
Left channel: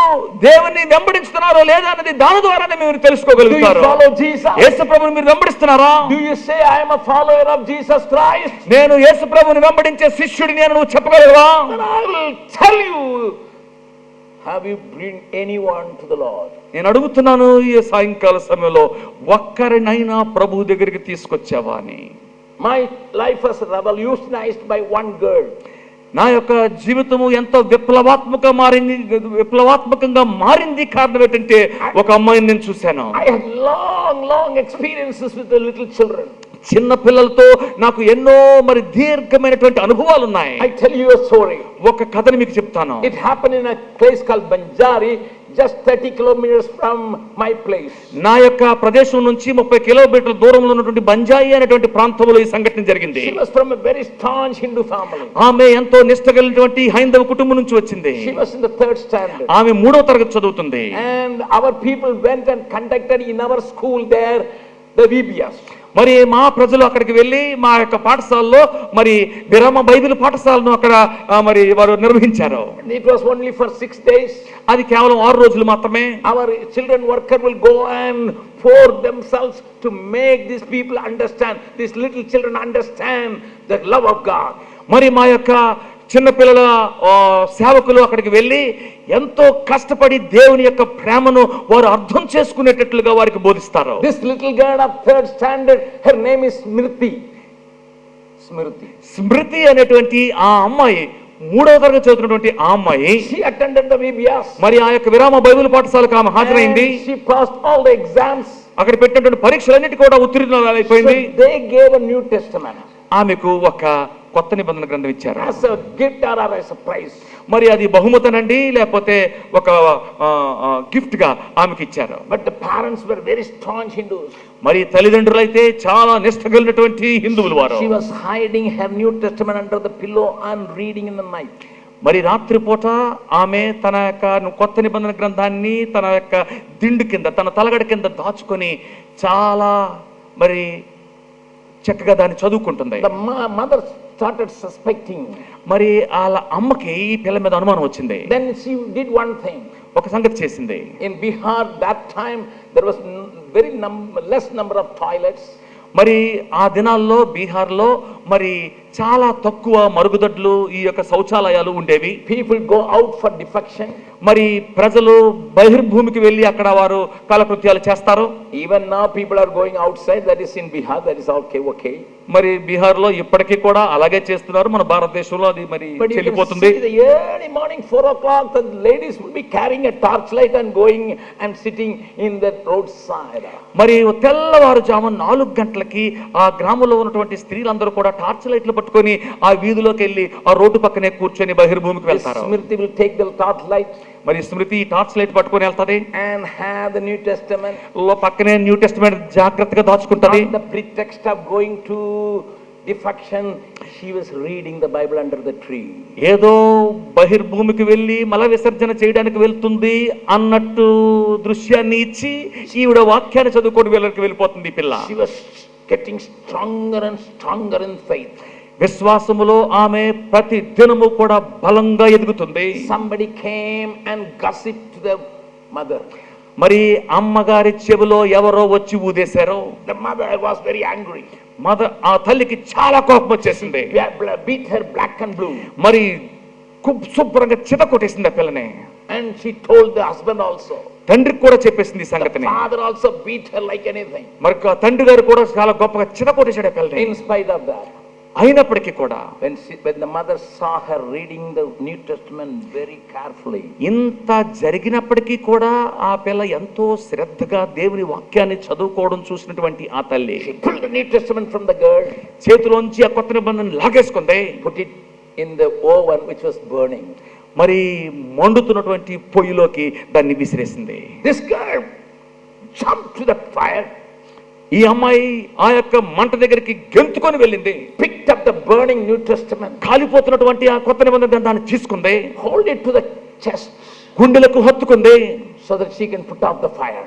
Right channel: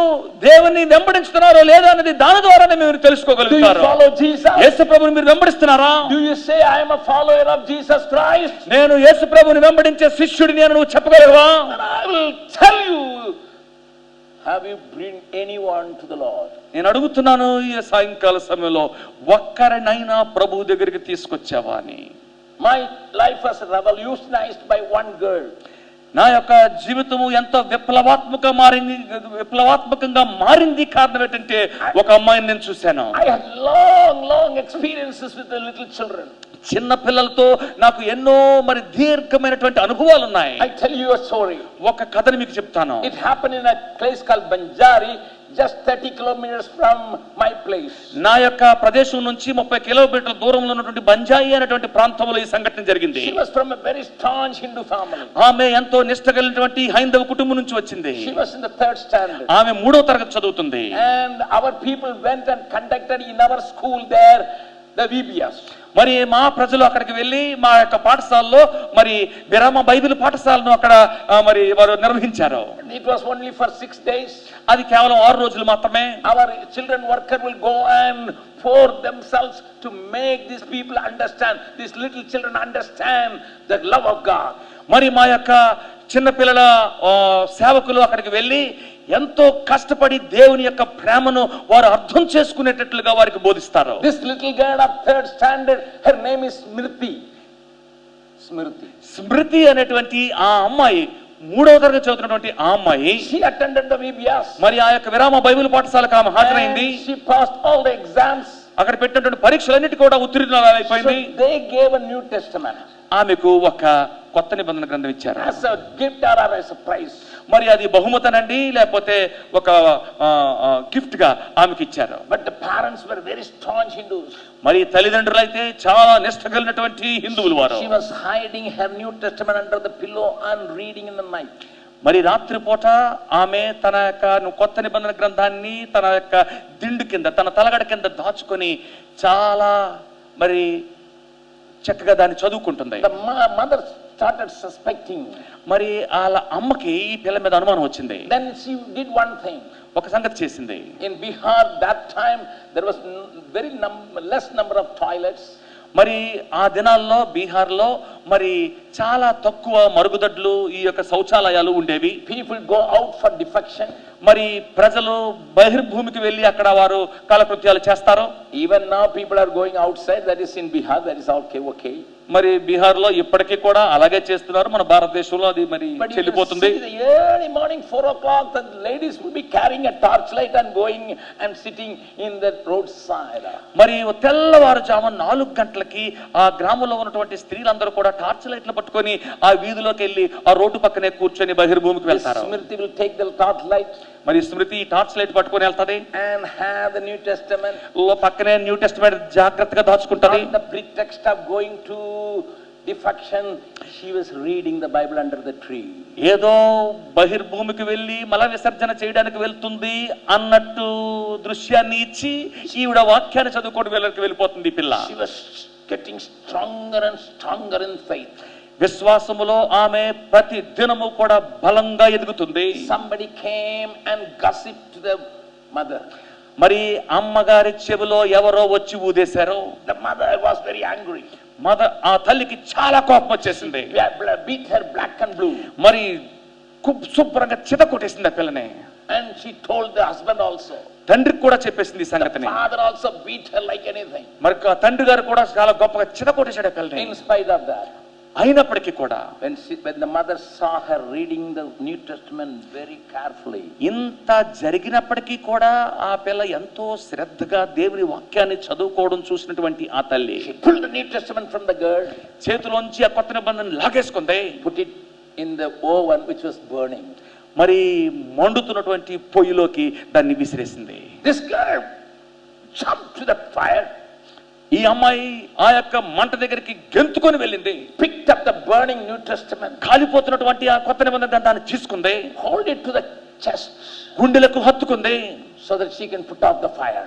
దేవుని వెంబడించుతున్నారో లేదా అనేది దాని ద్వారానే మీరు Do you తెలుసుకోగలుగుతారు. follow Jesus? యేసు ప్రభువుని మీరు వెంబడిస్తున్నారా? Do you say I am a follower of Jesus Christ? నేను యేసు ప్రభువుని వెంబడించే శిష్యుడిని అని నువ్వు చెప్పగలవా? Then I will tell you, have you bring anyone to the Lord? నేను అడుగుతున్నాను ఈ సాయంకాల సమయంలో, ఒక్కరినైనా ప్రభు దగ్గరికి తీసుకొచ్చావా అని. My life was revolutionized by one girl. నా యొక్క జీవితము ఎంతో విప్లవాత్మకంగా మారింది కారణం ఏంటంటే ఒక అమ్మాయిని నేను చూశాను. I had long experiences with the little children. చిన్న పిల్లలతో నాకు ఎన్నో మరి దీర్ఘమైనటువంటి అనుభవాలు ఉన్నాయి. I tell you a story. ఒక కథని మీకు చెప్తాను. It happened in a place called Banjari, just 30 kilometers from my place. నా యొక్క ప్రదేశం నుంచి 30 కిలోమీటర్ల దూరంలో ఉన్నటువంటి బంజాయి అనేటువంటి ప్రాంతంలో ఈ సంఘటన జరిగింది. She was from a very staunch Hindu family. ఆమె ఎంతో నిష్ఠగలిగినటువంటి హైందవ కుటుంబం నుంచి వచ్చింది. She was in the 3rd standard. ఆమె 3వ తరగతి చదువుతుంది. And our people went and conducted in our school there the VBS. మరి మా ప్రజలు అక్కడికి వెళ్ళి మా యొక్క పాఠశాలలో మరి విరామ బైబిల్ పాఠశాలను అక్కడ మరి వారు నిర్వహించారు. It was only for 6 days. అది కేవలం 6 రోజులు మాత్రమే. Our children worker will go and pour themselves to make these people understand, these little children understand the love of God. మరి మా యొక్క చిన్న పిల్లల సేవకులు అక్కడికి వెళ్ళి ఎంతో కష్టపడి దేవుని యొక్క ప్రేమను వారు అర్థం చేసుకునేటట్లుగా వారికి బోధిస్తారు. This little girl of 3rd standard, her name is Smriti అనేటువంటి ఆ అమ్మాయి 3వ తరగతి చదువుతున్నటువంటి ఆ అమ్మాయి she attended the VBS. మరి ఆ యొక్క విరామ బైబిల్ పాఠశాలకు ఆమె హాజరైంది. She passed all the exams. అక్కడ పెట్టినటువంటి పరీక్షలన్నిటి కూడా ఉత్తీర్ణురాలైపోయింది. So they gave a New Testament. ఆమెకు ఒక కొత్త నిబంధన గ్రంథం ఇచ్చారు. As a gift or as a prize. మరి అది బహుమతనండి లేకపోతే ఒక గిఫ్ట్ గా ఆమెకి ఇచ్చారు. But the parents were very staunch Hindus. మరి తల్లిదండ్రులు అయితే చాలా నిష్ఠగలిగినటువంటి హిందువులు వారు. She was hiding her New Testament under the pillow and reading in the night. మరి రాత్రిపూట ఆమె తన యొక్క కొత్త నిబంధన గ్రంథాన్ని తన యొక్క దిండు కింద తన తలగడ కింద దాచుకొని చాలా మరి చక్కగా దాన్ని చదువుకుంటుంది. The mother started suspecting. మరి వాళ్ళ అమ్మకి ఈ పిల్ల మీద అనుమానం వచ్చింది. Then she did one thing. ఒక సంగతి చేసింది. In Bihar that time there was very less number of toilets. మరి ఆ దినాల్లో బీహార్లో మరి చాలా తక్కువ మరుగుదొడ్లు ఈ యొక్క శౌచాలయాలు ఉండేవి. People go out for defecation. మరి ప్రజలు బహిర్భూమికి వెళ్ళి అక్కడ వారు కాలకృత్యాలు చేస్తారు. Even now people are going outside. That is in Bihar. That is okay. మరి బీహార్లో ఇప్పటికీ కూడా అలాగే చేస్తున్నారు. మన భారతదేశంలో అది మరి చెల్లిపోతుంది. The early morning 4 o'clock the ladies will be carrying a torchlight and going and sitting in the roadside. మరి తెల్లవారుజామున 4 గంటలకి ఆ గ్రామంలో ఉన్నటువంటి స్త్రీలందరూ కూడా టార్చ్ లైట్లు పట్టుకొని ఆ వీధిలోకి వెళ్ళి ఆ రోడ్డు పక్కనే కూర్చొని బహిర్భూమికి వెళ్తారు. Smriti will take the torchlight. మరి స్మృతి టార్చ్ లైట్ పట్టుకొని వెళ్తది. And have the New Testament. పక్కనే న్యూ టెస్టమెంట్ జాగ్రత్తగా దాచుకుంటది. On the pretext of going to defection, she was reading the Bible under the tree. ఏదో బహిర్భూమికి వెళ్ళి మల విసర్జన చేయడానికి వెళ్తుంది అన్నట్టు దృశ్యాన్ని ఇచ్చి ఈవిడ వాక్యాన్ని చదువుకొని వెళ్ళిపోతుంది ఈ పిల్ల. She was getting stronger and stronger in faith. విశ్వాసములో ఆమె ప్రతి దినము కూడా బలంగా ఎదుగుతుంది. Somebody came and gossiped to the mother. మరి అమ్మగారి చెవిలో ఎవరో వచ్చి ఊదేశారు. The mother was very angry. ఆ తల్లికి చాలా కోపం వచ్చేసింది. Beat her black and blue. మరి శుభ్రంగా చిత కొట్టేసింది ఆ పిల్లని. And she told the husband also. తండ్రికి కూడా చెప్పేసింది సంగతిని. The father also beat her like anything. మరి తండ్రి గారు కూడా చాలా గొప్పగా చిత కొట్టేశాడు ఆ పిల్లని. In spite of that, అయినప్పటికీ కూడా when the mother saw her reading the New Testament very carefully, ఇంత జరిగినప్పటికీ కూడా ఆ పిల్ల ఎంతో శ్రద్ధగా దేవుని వాక్యాన్ని చదువుకోవడం చూసినటువంటి ఆ తల్లి she pulled the New Testament from the girl, చేతిలోంచి ఆ కొత్త నిబంధన లాగేసుకుంది, put it in the oven which was burning. మరి మండుతున్నటువంటి పొయ్యిలోకి దాన్ని విసిరేసింది. This girl jumped to the fire, ఈ అమ్మాయి ఆ యొక్క మంట దగ్గరికి గెంతుకొని వెళ్ళింది, picked up the burning New Testament, కాలిపోతున్నటువంటి ఆ కొత్త నిబంధన దాన్ని తీసుకుంది, hold it to the chest గుండెలకు హత్తుకుంది, so that she can put out the fire.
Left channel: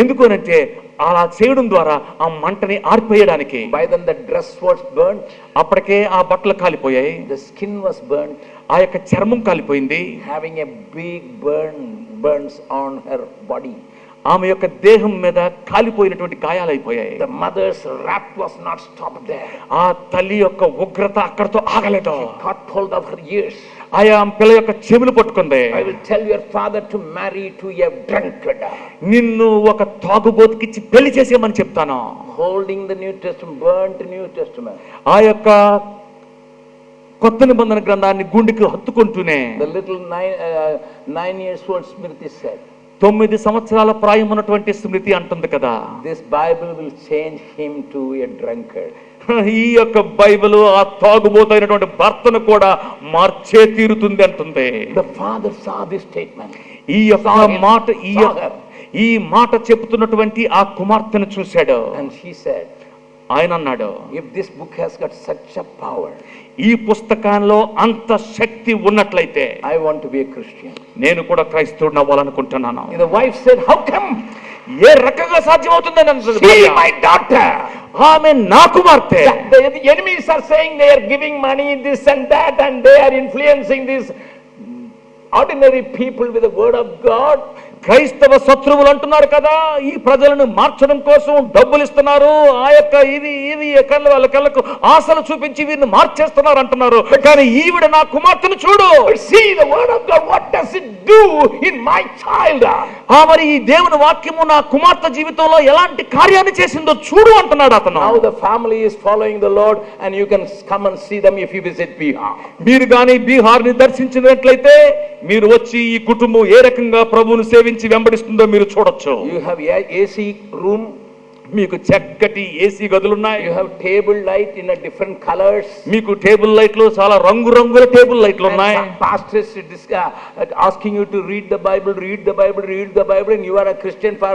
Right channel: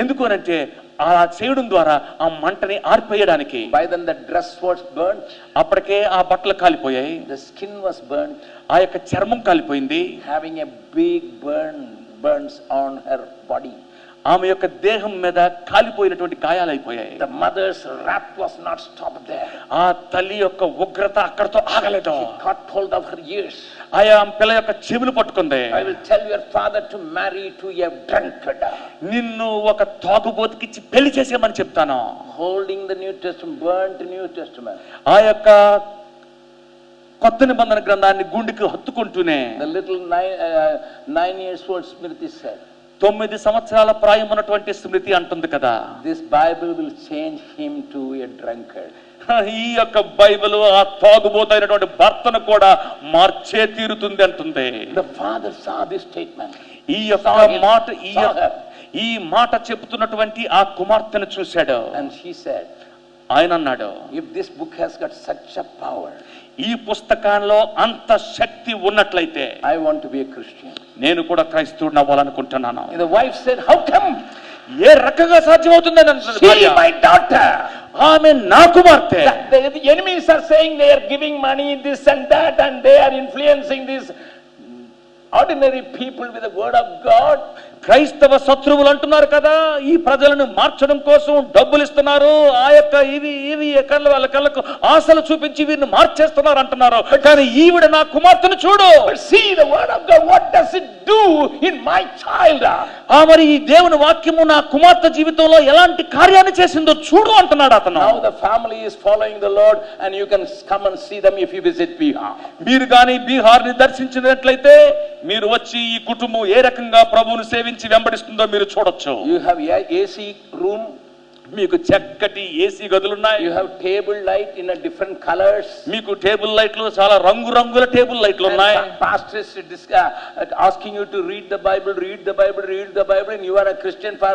ఎందుకు అనంటే అలా చేయడం ద్వారా ఆ మంటని ఆర్పేయడానికి. By then the dress was burnt, అప్పటికే ఆ బట్టలు కాలిపోయాయి, the skin was burnt, ఆ యొక్క చర్మం కాలిపోయింది, having a big burns on her body. ఆమె యొక్క దేహం మీద కాలిపోయినటువంటి గాయాలైపోయాయి. The mother's wrath was not stopped there. ఆ తల్లి యొక్క ఉగ్రత అక్కడతో ఆగలేదు. She caught hold of her ears. ఆయా పిల్ల యొక్క చెవులు పట్టుకుంది. I will tell your father to marry to a drunkard. నిన్ను ఒక తాగుబోతుకిచ్చి పెళ్లి చేసేయమని చెప్తాను. Holding the New Testament, burnt New Testament. ఆ యొక్క కొత్త నిబంధన గ్రంథాన్ని గుండెకి హత్తుకుంటూనే The little 9 years old Smriti said, 9 సంవత్సరాల ప్రాయం ఉన్నటువంటి స్మృతి అంటుంది కదా, this Bible will change him to a drunkard. ఈ యొక్క బైబిల్ ఆ తాగుబోతైనటువంటి భర్తను కూడా మార్చే తీరుతుంది అంటుంది. The father saw this statement. ఈ యొక్క మాట ఈ మాట చెప్తున్నటువంటి ఆ కుమార్తెను చూశాడు. And she said, ఆయన అన్నాడు, if this book has got such a power, ఈ పుస్తకంలో అంత శక్తి ఉన్నట్లయితే I want to be a Christian. నేను కూడా క్రైస్తవుడిని అవ్వాలనుకుంటున్నాను. The wife said, how come? ఏ రకంగా సాధ్యమవుతుందని అన్నది She, భార్య. my daughter. ఆమె నా కుమార్తె. The enemies are saying they are giving money, this and that, and they are influencing these ordinary people with the word of God. క్రైస్తవ శత్రువులు అంటున్నారు కదా, ఈ ప్రజలను మార్చడం కోసం డబ్బులు ఇస్తున్నారు, ఆ యొక్క ఇది వాళ్ళ కళ్ళకు ఆశలు చూపించి వీరిని మార్చేస్తున్నారు అంటున్నారు. కానీ ఈవిడ నా కుమార్తెను చూడు. But see the word of God, what does it do in my child? మరి ఈ దేవుని వాక్యము నా కుమార్తె జీవితంలో ఎలాంటి కార్యాన్ని చేసిందో చూడు అంటున్నాడు అతను. Now the family is following the Lord, and you can come and see them if you visit Bihar. మీరు గాని బీహార్ ని దర్శించినట్లయితే మీరు వచ్చి ఈ కుటుంబం ఏ రకంగా ప్రభువును సేవించి వెంబడిస్తుందో మీరు చూడొచ్చు. You have AC room, మీకు చక్కటి ఏసీ గదులున్నాయి. you have table light in a different colors, మీకు టేబుల్ లైట్లు చాలా రంగురంగుల టేబుల్ లైట్లు ఉన్నాయి. pastors asking you to read the Bible, and you are a Christian for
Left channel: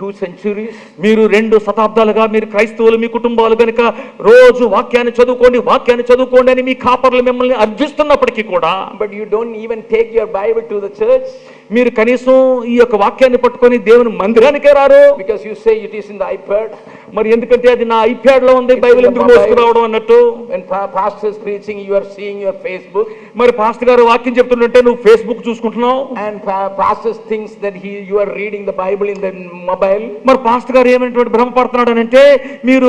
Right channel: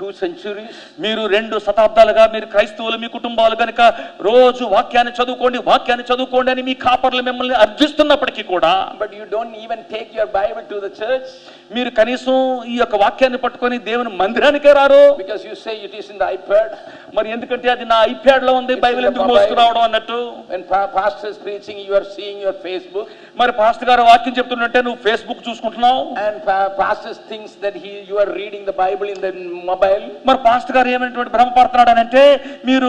2 centuries. మీరు 2 శతాబ్దాలుగా మీరు క్రైస్తవులు, మీ కుటుంబాలు గనుక రోజు వాక్యాన్ని చదువుకోండి అని మీ కాపర్లు మిమ్మల్ని అర్థిస్తున్నప్పటికీ కూడా, but you don't even take your Bible to the church. మీరు కనీసం ఈ యొక్క వాక్యాన్ని పట్టుకొని దేవుని మందిరానికే రారు. Because you say it is in the iPad. మరి ఎందుకంటే అది నా ఐప్యాడ్ లో ఉంది, బైబిల్ ఎందుకు మోసుకురావడం అన్నట్టు. When pastor is preaching, you are seeing your Facebook. మరి పాస్టర్ గారు వాక్యం చెప్తుంటే నువ్వు Facebook చూసుకుంటున్నావు. And pastor thinks that you are reading the Bible in the mobile. మరి పాస్టర్ గారు ఏమైనటువంటి భ్రమపడుతున్నాడు అంటే మీరు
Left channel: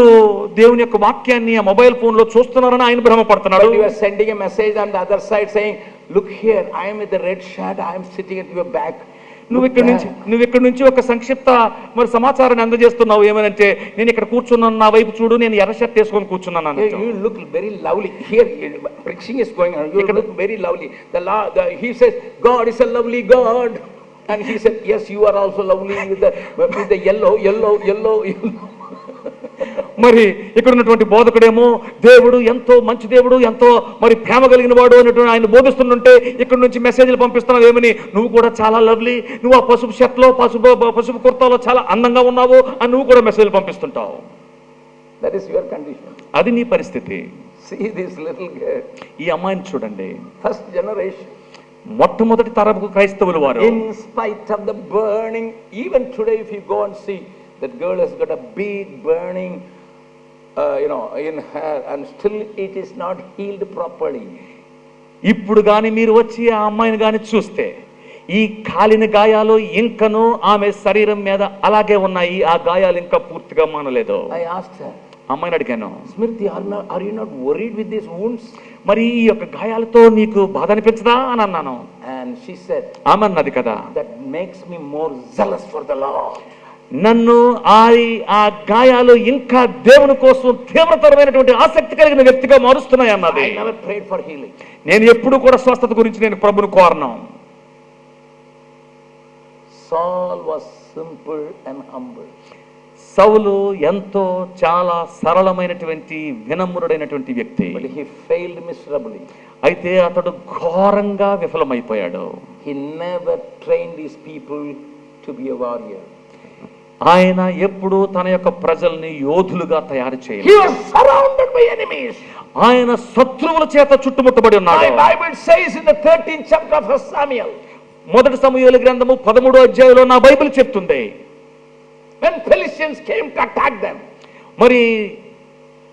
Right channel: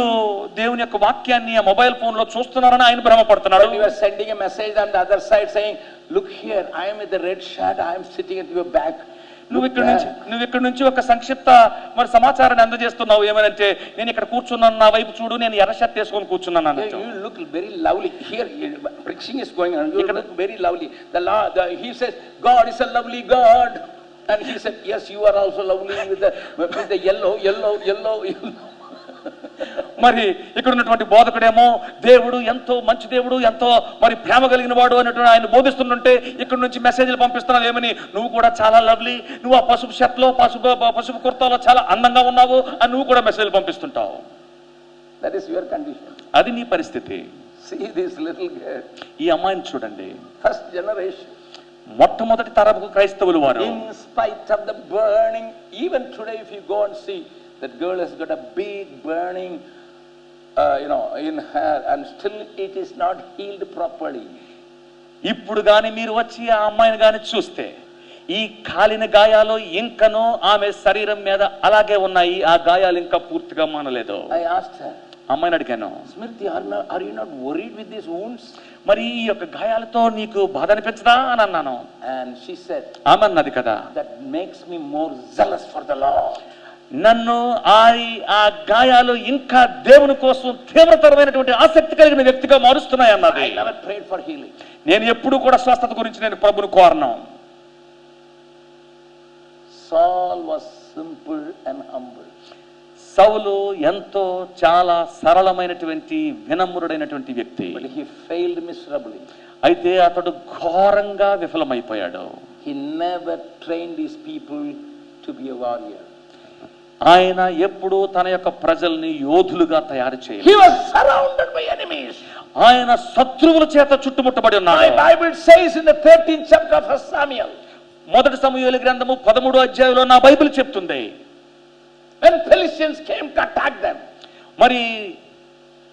దేవుని యొక్క వాక్యాన్ని ఆ మొబైల్ ఫోన్ లో చూస్తున్నారని ఆయన భ్రమపడుతున్నాడు. But you are sending a message on the other side saying, look here, I am with the red shirt, I am sitting at your back. నువ్వు ఇక్కడ నుంచి ఒక సంక్షిప్త మరి సమాచారాన్ని అందజేస్తున్నావు. ఏమనంటే నేను ఇక్కడ కూర్చున్నాను, నా వైపు చూడు, నేను ఎర్ర షర్ట్ వేసుకొని కూర్చున్నాను. You look very lovely here. Preaching is going on. You look very lovely. He says God is a lovely God, and he said yes, you are also lovely with the yellow. మరి ఇక్కడ ఉన్నటువంటి బోధకుడేమో దేవుడు ఎంతో మంచి దేవుడు, ఎంతో మరి ప్రేమ కలిగిన వాడు అనేటువంటి ఆయన బోధిస్తుంటే ఇక్కడ నుంచి మెసేజ్లు పంపిస్తున్నావు. ఏమని నువ్వు కూడా చాలా లవ్లీ, నువ్వు ఆ పసుపు షర్ట్లో పసుపు కుర్తాలో చాలా అందంగా ఉన్నావు అని నువ్వు కూడా మెసేజ్లు పంపిస్తుంటావు. That is your condition. అది నీ పరిస్థితి. See this little girl. ఈ అమ్మాయిని చూడండి, first generation, మొట్టమొదటి తరపు క్రైస్తవులు వారు. In spite of the burning, even today if you go and see, that girl has got a big burning in her, and still it is not healed properly. ఇప్పుడు గాని మీరు వచ్చి ఆ అమ్మాయిని గాని చూస్తే ఈ కాలిన గాయాలు ఇంకను ఆమె శరీరం మీద అలాగే ఉన్నాయి. ఆ గాయాలు ఇంకా పూర్తిగా మానలేదు. I asked her, అమ్మాయిని అడిగాను, Smriti, are you not worried with these wounds? మరి ఈ యొక్క గాయాలతో నీకు బాధ అనిపించదా అని అన్నాను. And she said, ఆమె అన్నది కదా, that makes me more zealous for the Lord. నన్ను ఆ గాయాలు ఇంకా దేవుని కోసం తీవ్రతరమైనటువంటి ఆసక్తి కలిగిన వ్యక్తిగా మారుస్తున్నాయి అన్నది. I never prayed for healing. నేను ఎప్పుడు కూడా స్వస్థత గురించి నేను ప్రభువును కోరను. Saul was simple and humble. సౌలు ఎంతో చాలా సరళమైనటువంటి వినమ్రుడైనటువంటి వ్యక్తి. But he failed miserably. అయితే అతడు ఘోరంగా విఫలమైపోయాడు. He never trained his people to be a warrior. ఆయన ఎప్పుడు తన యొక్క ప్రజల్ని యోధులుగా తయారు చేయలేదు. He was surrounded by enemies. ఆయన శత్రువుల చేత చుట్టుముట్టబడి ఉన్నాడు. My Bible says in the 13th chapter of 1 Samuel. మొదటి సమూయేలు గ్రంథము 13వ అధ్యాయంలో నా బైబిల్ చెప్తుంది. When Philistines came to attack them. మరి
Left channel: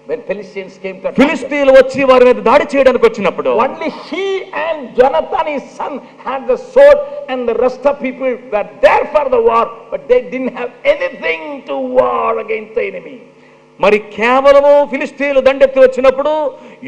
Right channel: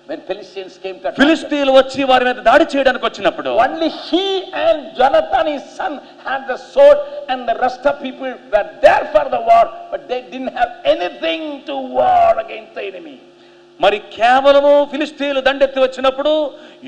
When Philistines came to attack ఫిలిష్తీయులు వచ్చి వారి మీద దాడి చేయడానికి వచ్చినప్పుడు only he and Jonathan his son had the sword and the rest of people were there for the war, but they didn't have anything to war against the enemy. మరి కేవలము ఫిలిష్తీయులు దండెత్తి వచ్చినప్పుడు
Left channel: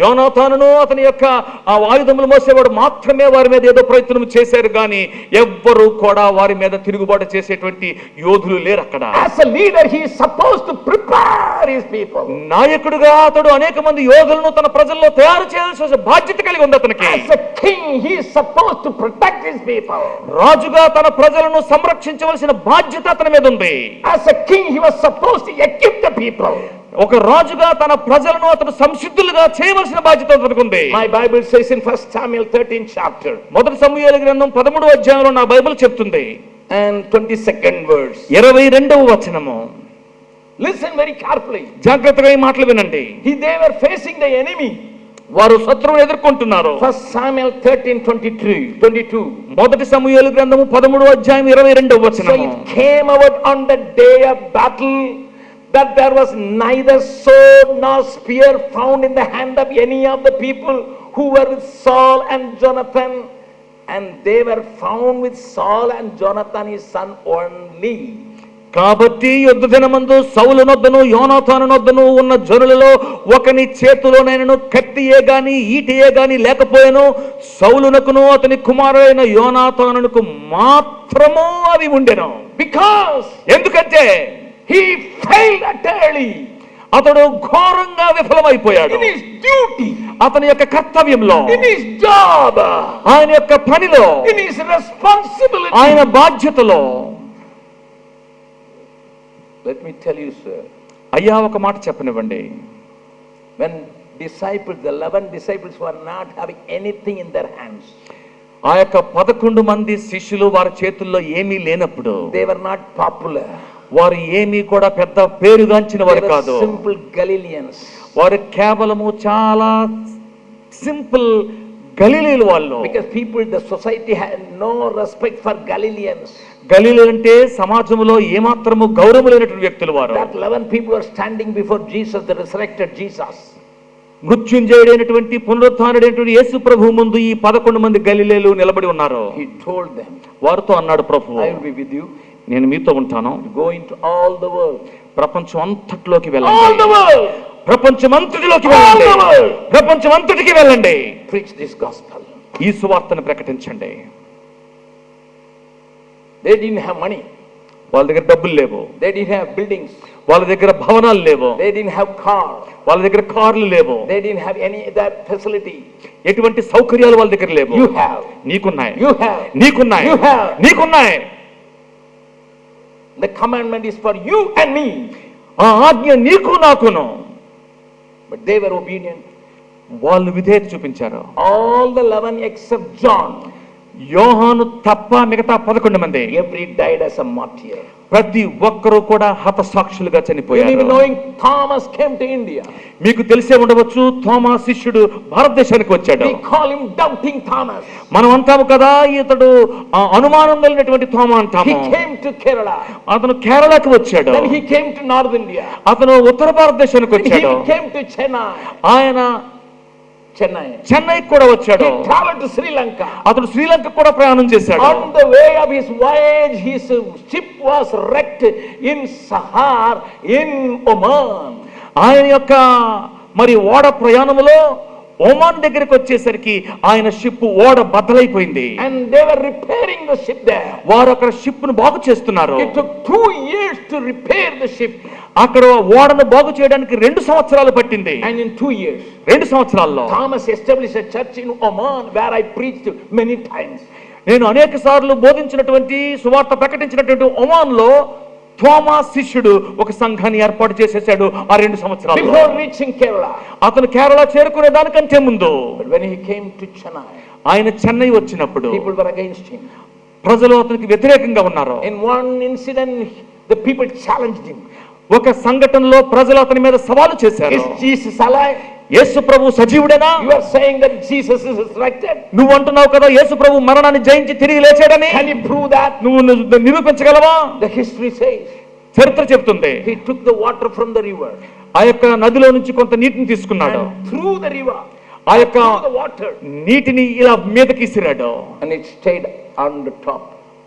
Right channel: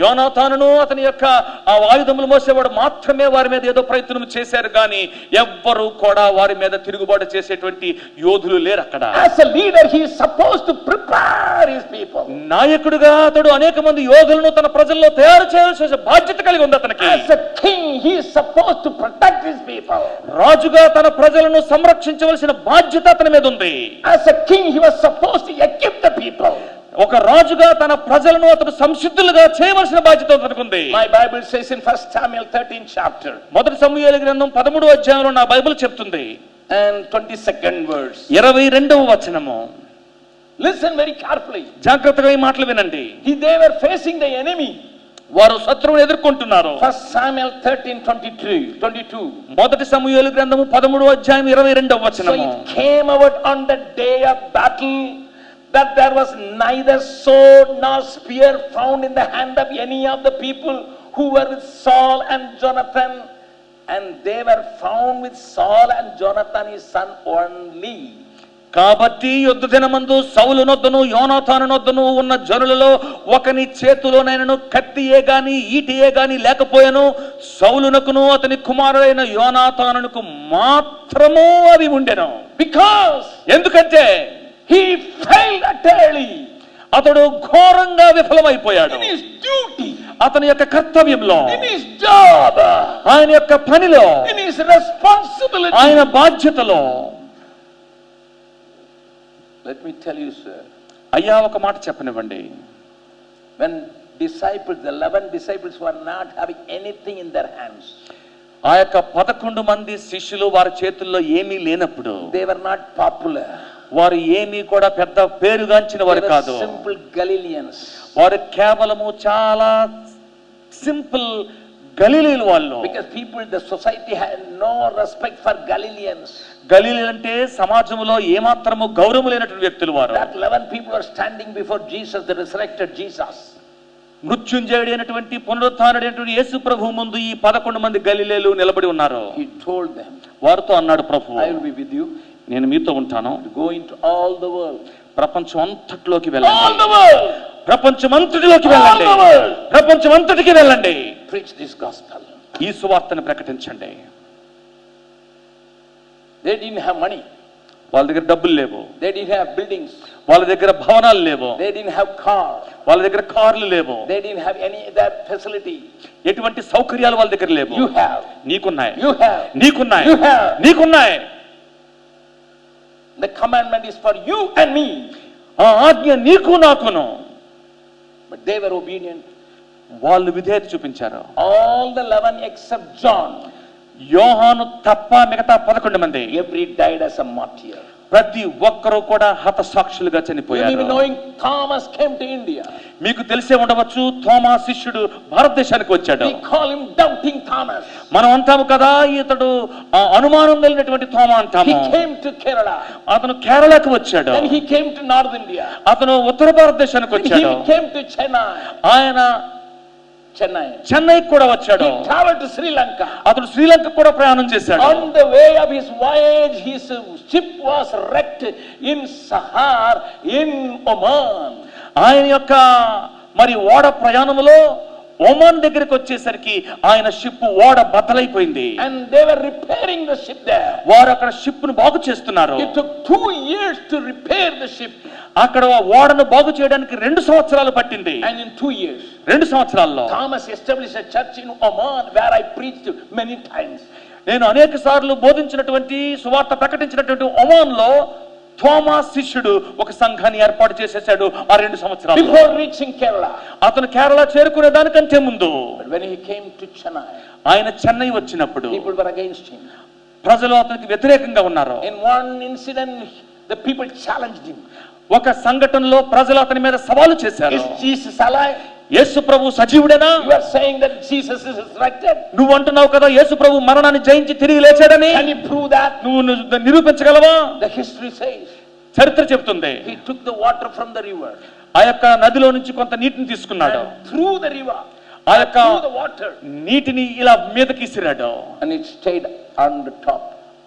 యోనాతానును అతని యొక్క ఆ ఆయుధములు మోసేవాడు మాత్రమే వారి మీద ఏదో ప్రయత్నం చేశారు, కానీ ఎవ్వరూ కూడా వారి మీద తిరుగుబాటు చేసేటువంటి యోధులు లేరు అక్కడ. As a leader he is supposed to prepare his people. నాయకుడిగా అతడు అనేక మంది యోధులను తన ప్రజల్లో తయారు చేయాల్సిన బాధ్యత కలిగి ఉంది అతనికి. As a king he is supposed to protect his people. రాజుగా తన ప్రజలను సంరక్షించవలసిన బాధ్యత అతని మీద ఉంది. As a king he was supposed to equip the people. ఒక రాజుగా తన ప్రజలను అతడు సంసిద్ధులుగా చేయవలసిన బాధ్యత అతనికి ఉంది. My Bible says in 1 Samuel 13th chapter మొదటి సమూయేలు గ్రంథం 13వ అధ్యాయంలో నా బైబిల్ చెప్తుంది and 22nd verse. 22వ వచనము. Listen very carefully. జాగ్రత్తగా ఈ మాటలు వినండి. They were facing the enemy. వారు శత్రువును ఎదుర్కొంటున్నారు. 1 Samuel 13:22. మొదటి సమూయేలు గ్రంథము 13వ అధ్యాయం 22వ So వచనము. it came about on the day of battle that there was neither sword nor spear found in the hand of any of the people who were with Saul and Jonathan, and they were found with Saul and Jonathan his son only. కాబట్టి యుద్ధ దినమందు సౌలు నొద్దను యోనాతాను నొద్దను ఉన్న జనులలో ఒకని చేతిలోనైనను కత్తియే గాని ఈటియే గాని లేకపోయాను, సౌలునకును అతని కుమారుడైన యోనాతానునకు మాత్రము అవి ఉండెను. Because ఎందుకంటే he failed utterly అతడు ఘోరంగా విఫలమైపోయాడు. in his duty, అతని యొక్క కర్తవ్యంలో, in his job, ఆయన యొక్క పనిలో, in his responsibility. ఆయన బాధ్యతలో. Let me tell you, sir, అయ్యా ఒక మాట చెప్పనివ్వండి. when disciples, the 11 disciples were not having anything in their hands, ఆ యొక్క 11 మంది శిష్యులు వారి చేతుల్లో ఏమీ లేనప్పుడు, they were not popular. వారు ఏమీ కూడా పెద్ద పేరుగాంచిన వారు They were కాదు. simple Galileans. వారు కేవలము చాలా సింపుల్ గలిలీలు వాళ్ళు. Because people, the society had no respect for Galileans. గలిలీలు అంటే సమాజంలో ఏమాత్రము గౌరవం లేనటువంటి వ్యక్తులు వారు. That 11 people were standing before Jesus, the resurrected Jesus. మృత్యుంజయుడైనటువంటి పునరుత్థానుడైనటువంటి యేసు ప్రభువు ముందు ఈ 11 మంది గలిలీలు నిలబడి ఉన్నారు. He told them, వారితో అన్నాడు ప్రభువు, I will be with you. నేను మీతో ఉంటాను. Go into all the world. ప్రపంచం అంతటిలోకి All వెళ్ళండి. the world. ప్రపంచం అంతటిలోకి వెళ్ళండి. All the world. ప్రపంచం అంతటికి వెళ్ళండి. Preach this gospel. ఈ సువార్తను ప్రకటించండి. They didn't have money. వాళ్ళ దగ్గర డబ్బులు లేవు. They didn't have buildings. వాళ్ళ దగ్గర భవనాలు లేవు. They didn't have car. వాళ్ళ దగ్గర కార్లు లేవు. They didn't have any other facility. ఎటువంటి సౌకర్యాలు వాళ్ళ దగ్గర లేవు. You have. నీకున్నాయి. You have. నీకున్నాయి. You have. నీకున్నాయి. The commandment is for you and me. ఆ ఆజ్ఞ నీకు నాకును. But they were obedient. వాళ్ళు విధేయత చూపించారు. All the 11 except John. యోహాను తప్ప మిగతా 11 మంది Every died as a martyr. ప్రతి ఒక్కరూ కూడా హతసాక్షులుగా You చనిపోయారు. even knowing Thomas came to India. మీకు తెలిసే ఉండవచ్చు, తోమా శిష్యుడు భారతదేశానికి వచ్చాడు. We call him doubting Thomas. మనం అంటాము కదా, ఇతడు అనుమానం కలిగినటువంటి తోమా అంటాము. He came to Kerala. అతను కేరళకు వచ్చాడు. Then he came to North India. అతను ఉత్తర భారతదేశానికి Then వచ్చాడు. he came to Chennai. ఆయన చెన్నైకి కూడా వచ్చాడు. He traveled to Sri Lanka. అతడు శ్రీలంక కూడా ప్రయాణం చేశాడు. On the way of his voyage, his ship was wrecked in Sahar in Oman. ఆయన యొక్క మరి ఓడ ప్రయాణములో ఒమాన్ దగ్గరికి వచ్చేసరికి ఆయన షిప్ ఓడ బద్దలైపోయింది. And they were repairing the ship there. వారు అక్కడ షిప్ ను బాగు చేస్తున్నారు. It took 2 years to repair the ship. అక్కడ ఓడను బాగు చేయడానికి 2 సంవత్సరాలు పట్టింది. And in 2 years, 2 సంవత్సరాల్లో Thomas established a church in Oman where I preached many times. నేను అనేక సార్లు బోధించినటువంటి సువార్త ప్రకటించినటువంటి ఒమాన్ లో థోమా శిష్యుడు ఒక సంఘాన్ని ఏర్పాటు చేసేసాడు ఆ 2 సంవత్సరాలు. Before reaching Kerala. అతను కేరళ చేరుకునే దానికంటే ముందు. But when he came to Chennai, ఆయన చెన్నై వచ్చినప్పుడు people were against him. ప్రజలు అతనికి వ్యతిరేకంగా ఉన్నారు. In one incident, the people challenged him. ఒక సంఘటనలో ప్రజలు అతని మీద సవాలు చేశారు. Is Jesus alive? Yesu Prabhu సజీవుడేనా? You are saying that Jesus is resurrected. నువ్వు అంటున్నావు కదా యేసు ప్రభు మరణాన్ని జయించి తిరిగి లేచాడని. Can you prove that? నువ్వు నిరూపించగలవా? The history says చరిత్ర చెబుతుంది. he took the water from the river. ఆ యొక్క నదిలో నుంచి కొంత నీటిని తీసుకున్నాడు. And through the river. ఆ యొక్క through the water. నీటిని ఇలా మీదకి ఇసిరాడు. And it stayed on the top.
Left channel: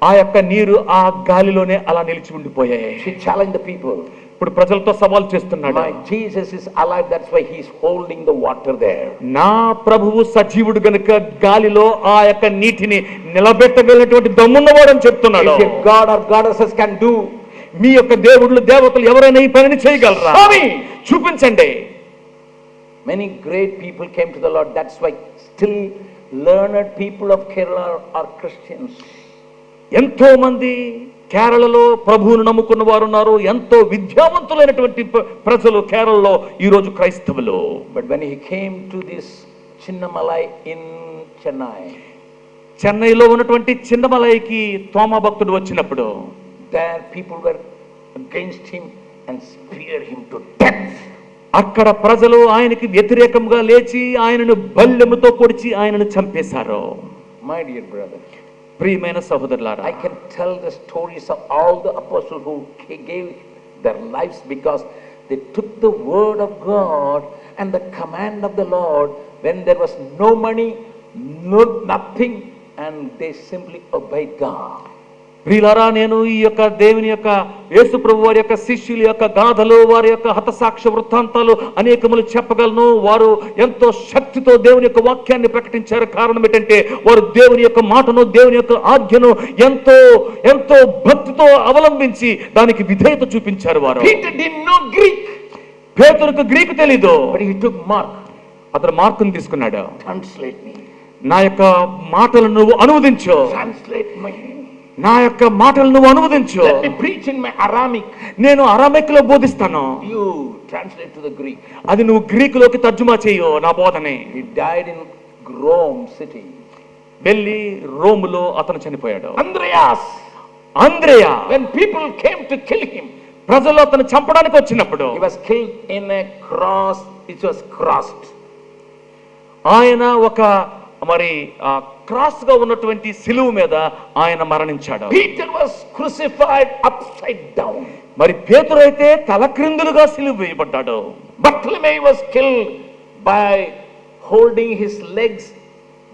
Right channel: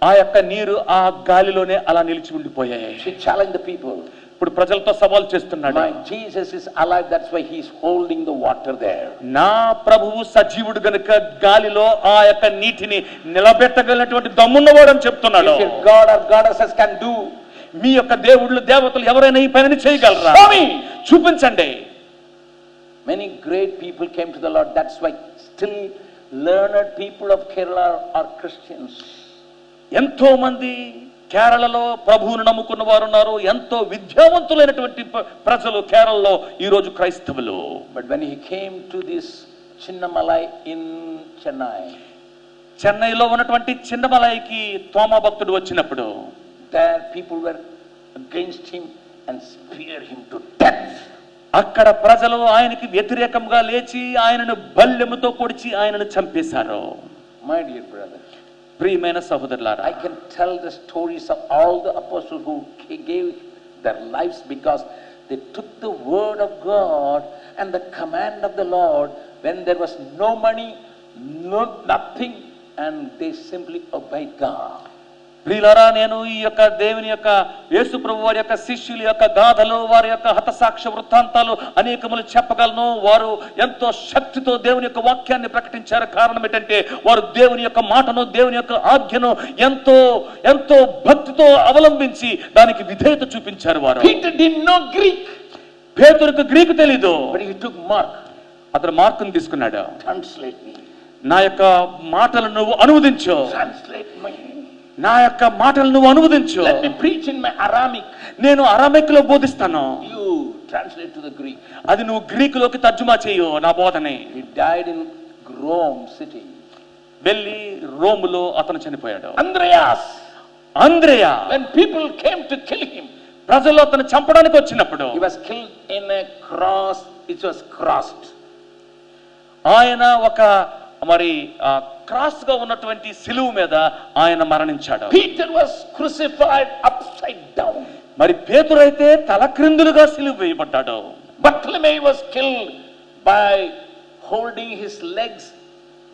ఆ యొక్క నీరు ఆ గాలిలోనే అలా నిలిచి ఉండిపోయాయి. He challenged the people. ఇప్పుడు ప్రజలతో సవాల్ చేస్తున్నాడు. My Jesus is alive, that's why he is holding the water there. నా ప్రభువు సజీవుడు గనుక గాలిలో ఆ యొక్క నీటిని నిలబెట్టగలిగినటువంటి దమ్మున్నవాడు అని చెప్తున్నాడు. If your God or goddesses can do, మీ యొక్క దేవుళ్ళు దేవతలు ఎవరైనా ఈ పనిని చేయగలరా? చూపించండి. Many great people came to the Lord. That's why still learned people of Kerala are Christians. ఎంతో మంది కేరళలో ప్రభువును నమ్ముకున్న వారు ఉన్నారు. ఎంతో విద్యావంతులైనటువంటి ప్రజలు కేరళలో ఈ రోజు క్రైస్తవులు. But when he came to this Chinnamalai in Chennai, చెన్నైలో ఉన్నటువంటి చిన్నమలైకి తోమా భక్తుడు వచ్చినప్పుడు there people were against him and speared him to death. అక్కడ ప్రజలు ఆయనకి వ్యతిరేకంగా లేచి ఆయనను బల్లెముతో పొడిచి ఆయనను చంపేశారు. My dear brother, ప్రియమైన సహోదరులారా, I can tell the stories of all the apostles who gave their lives because they took the word of God and the command of the Lord when there was no money, nothing, and they simply obeyed God. ప్రియులారా, నేను ఈ యొక్క దేవుని యొక్క యేసు ప్రభు వారి యొక్క శిష్యుల యొక్క గాథలు, వారి యొక్క హతసాక్ష్య వృత్తాంతాలు అనేకములు చెప్పగలను. వారు ఎంతో శక్తితో దేవుని యొక్క వాక్యాన్ని ప్రకటించారు. కారణం ఏంటంటే వారు దేవుని యొక్క మాటను, దేవుని యొక్క ఆజ్ఞను ఎంతో ఎంతో భక్తితో అవలంబించి దానికి విధేయత చూపించారు. వారు Peter didn't know Greek, పేతురుకు గ్రీకు తెలీదు. but he took Mark. అతను మార్కును తీసుకున్నాడు. Translate me. నా యొక్క మాటలను నువ్వు అనువదించు. Translate me. నా యొక్క మాటలు నువ్వు అనువదించు. Let me preach in my Aramaic. నేను అరామిక్ లో బోధిస్తాను. You translate to the Greek. అది నువ్వు గ్రీకులోకి తర్జుమా చేయు నా బోధనే. He died in Rome city. వెళ్ళి రోములో అతను చనిపోయాడు. Andreas. అంద్రేయ, When people came to kill him, ప్రజలు అతను చంపడానికి వచ్చినప్పుడు he was killed in a cross. It was crossed. ఆయన ఒక మరి క్రాస్ గా ఉన్నటువంటి సిలువ మీద ఆయన మరణించాడు. Peter was crucified upside down. మరి పేతురు అయితే తలక్రిందులుగా సిలువ వేయబడ్డాడు. Bartholomew was killed by holding his legs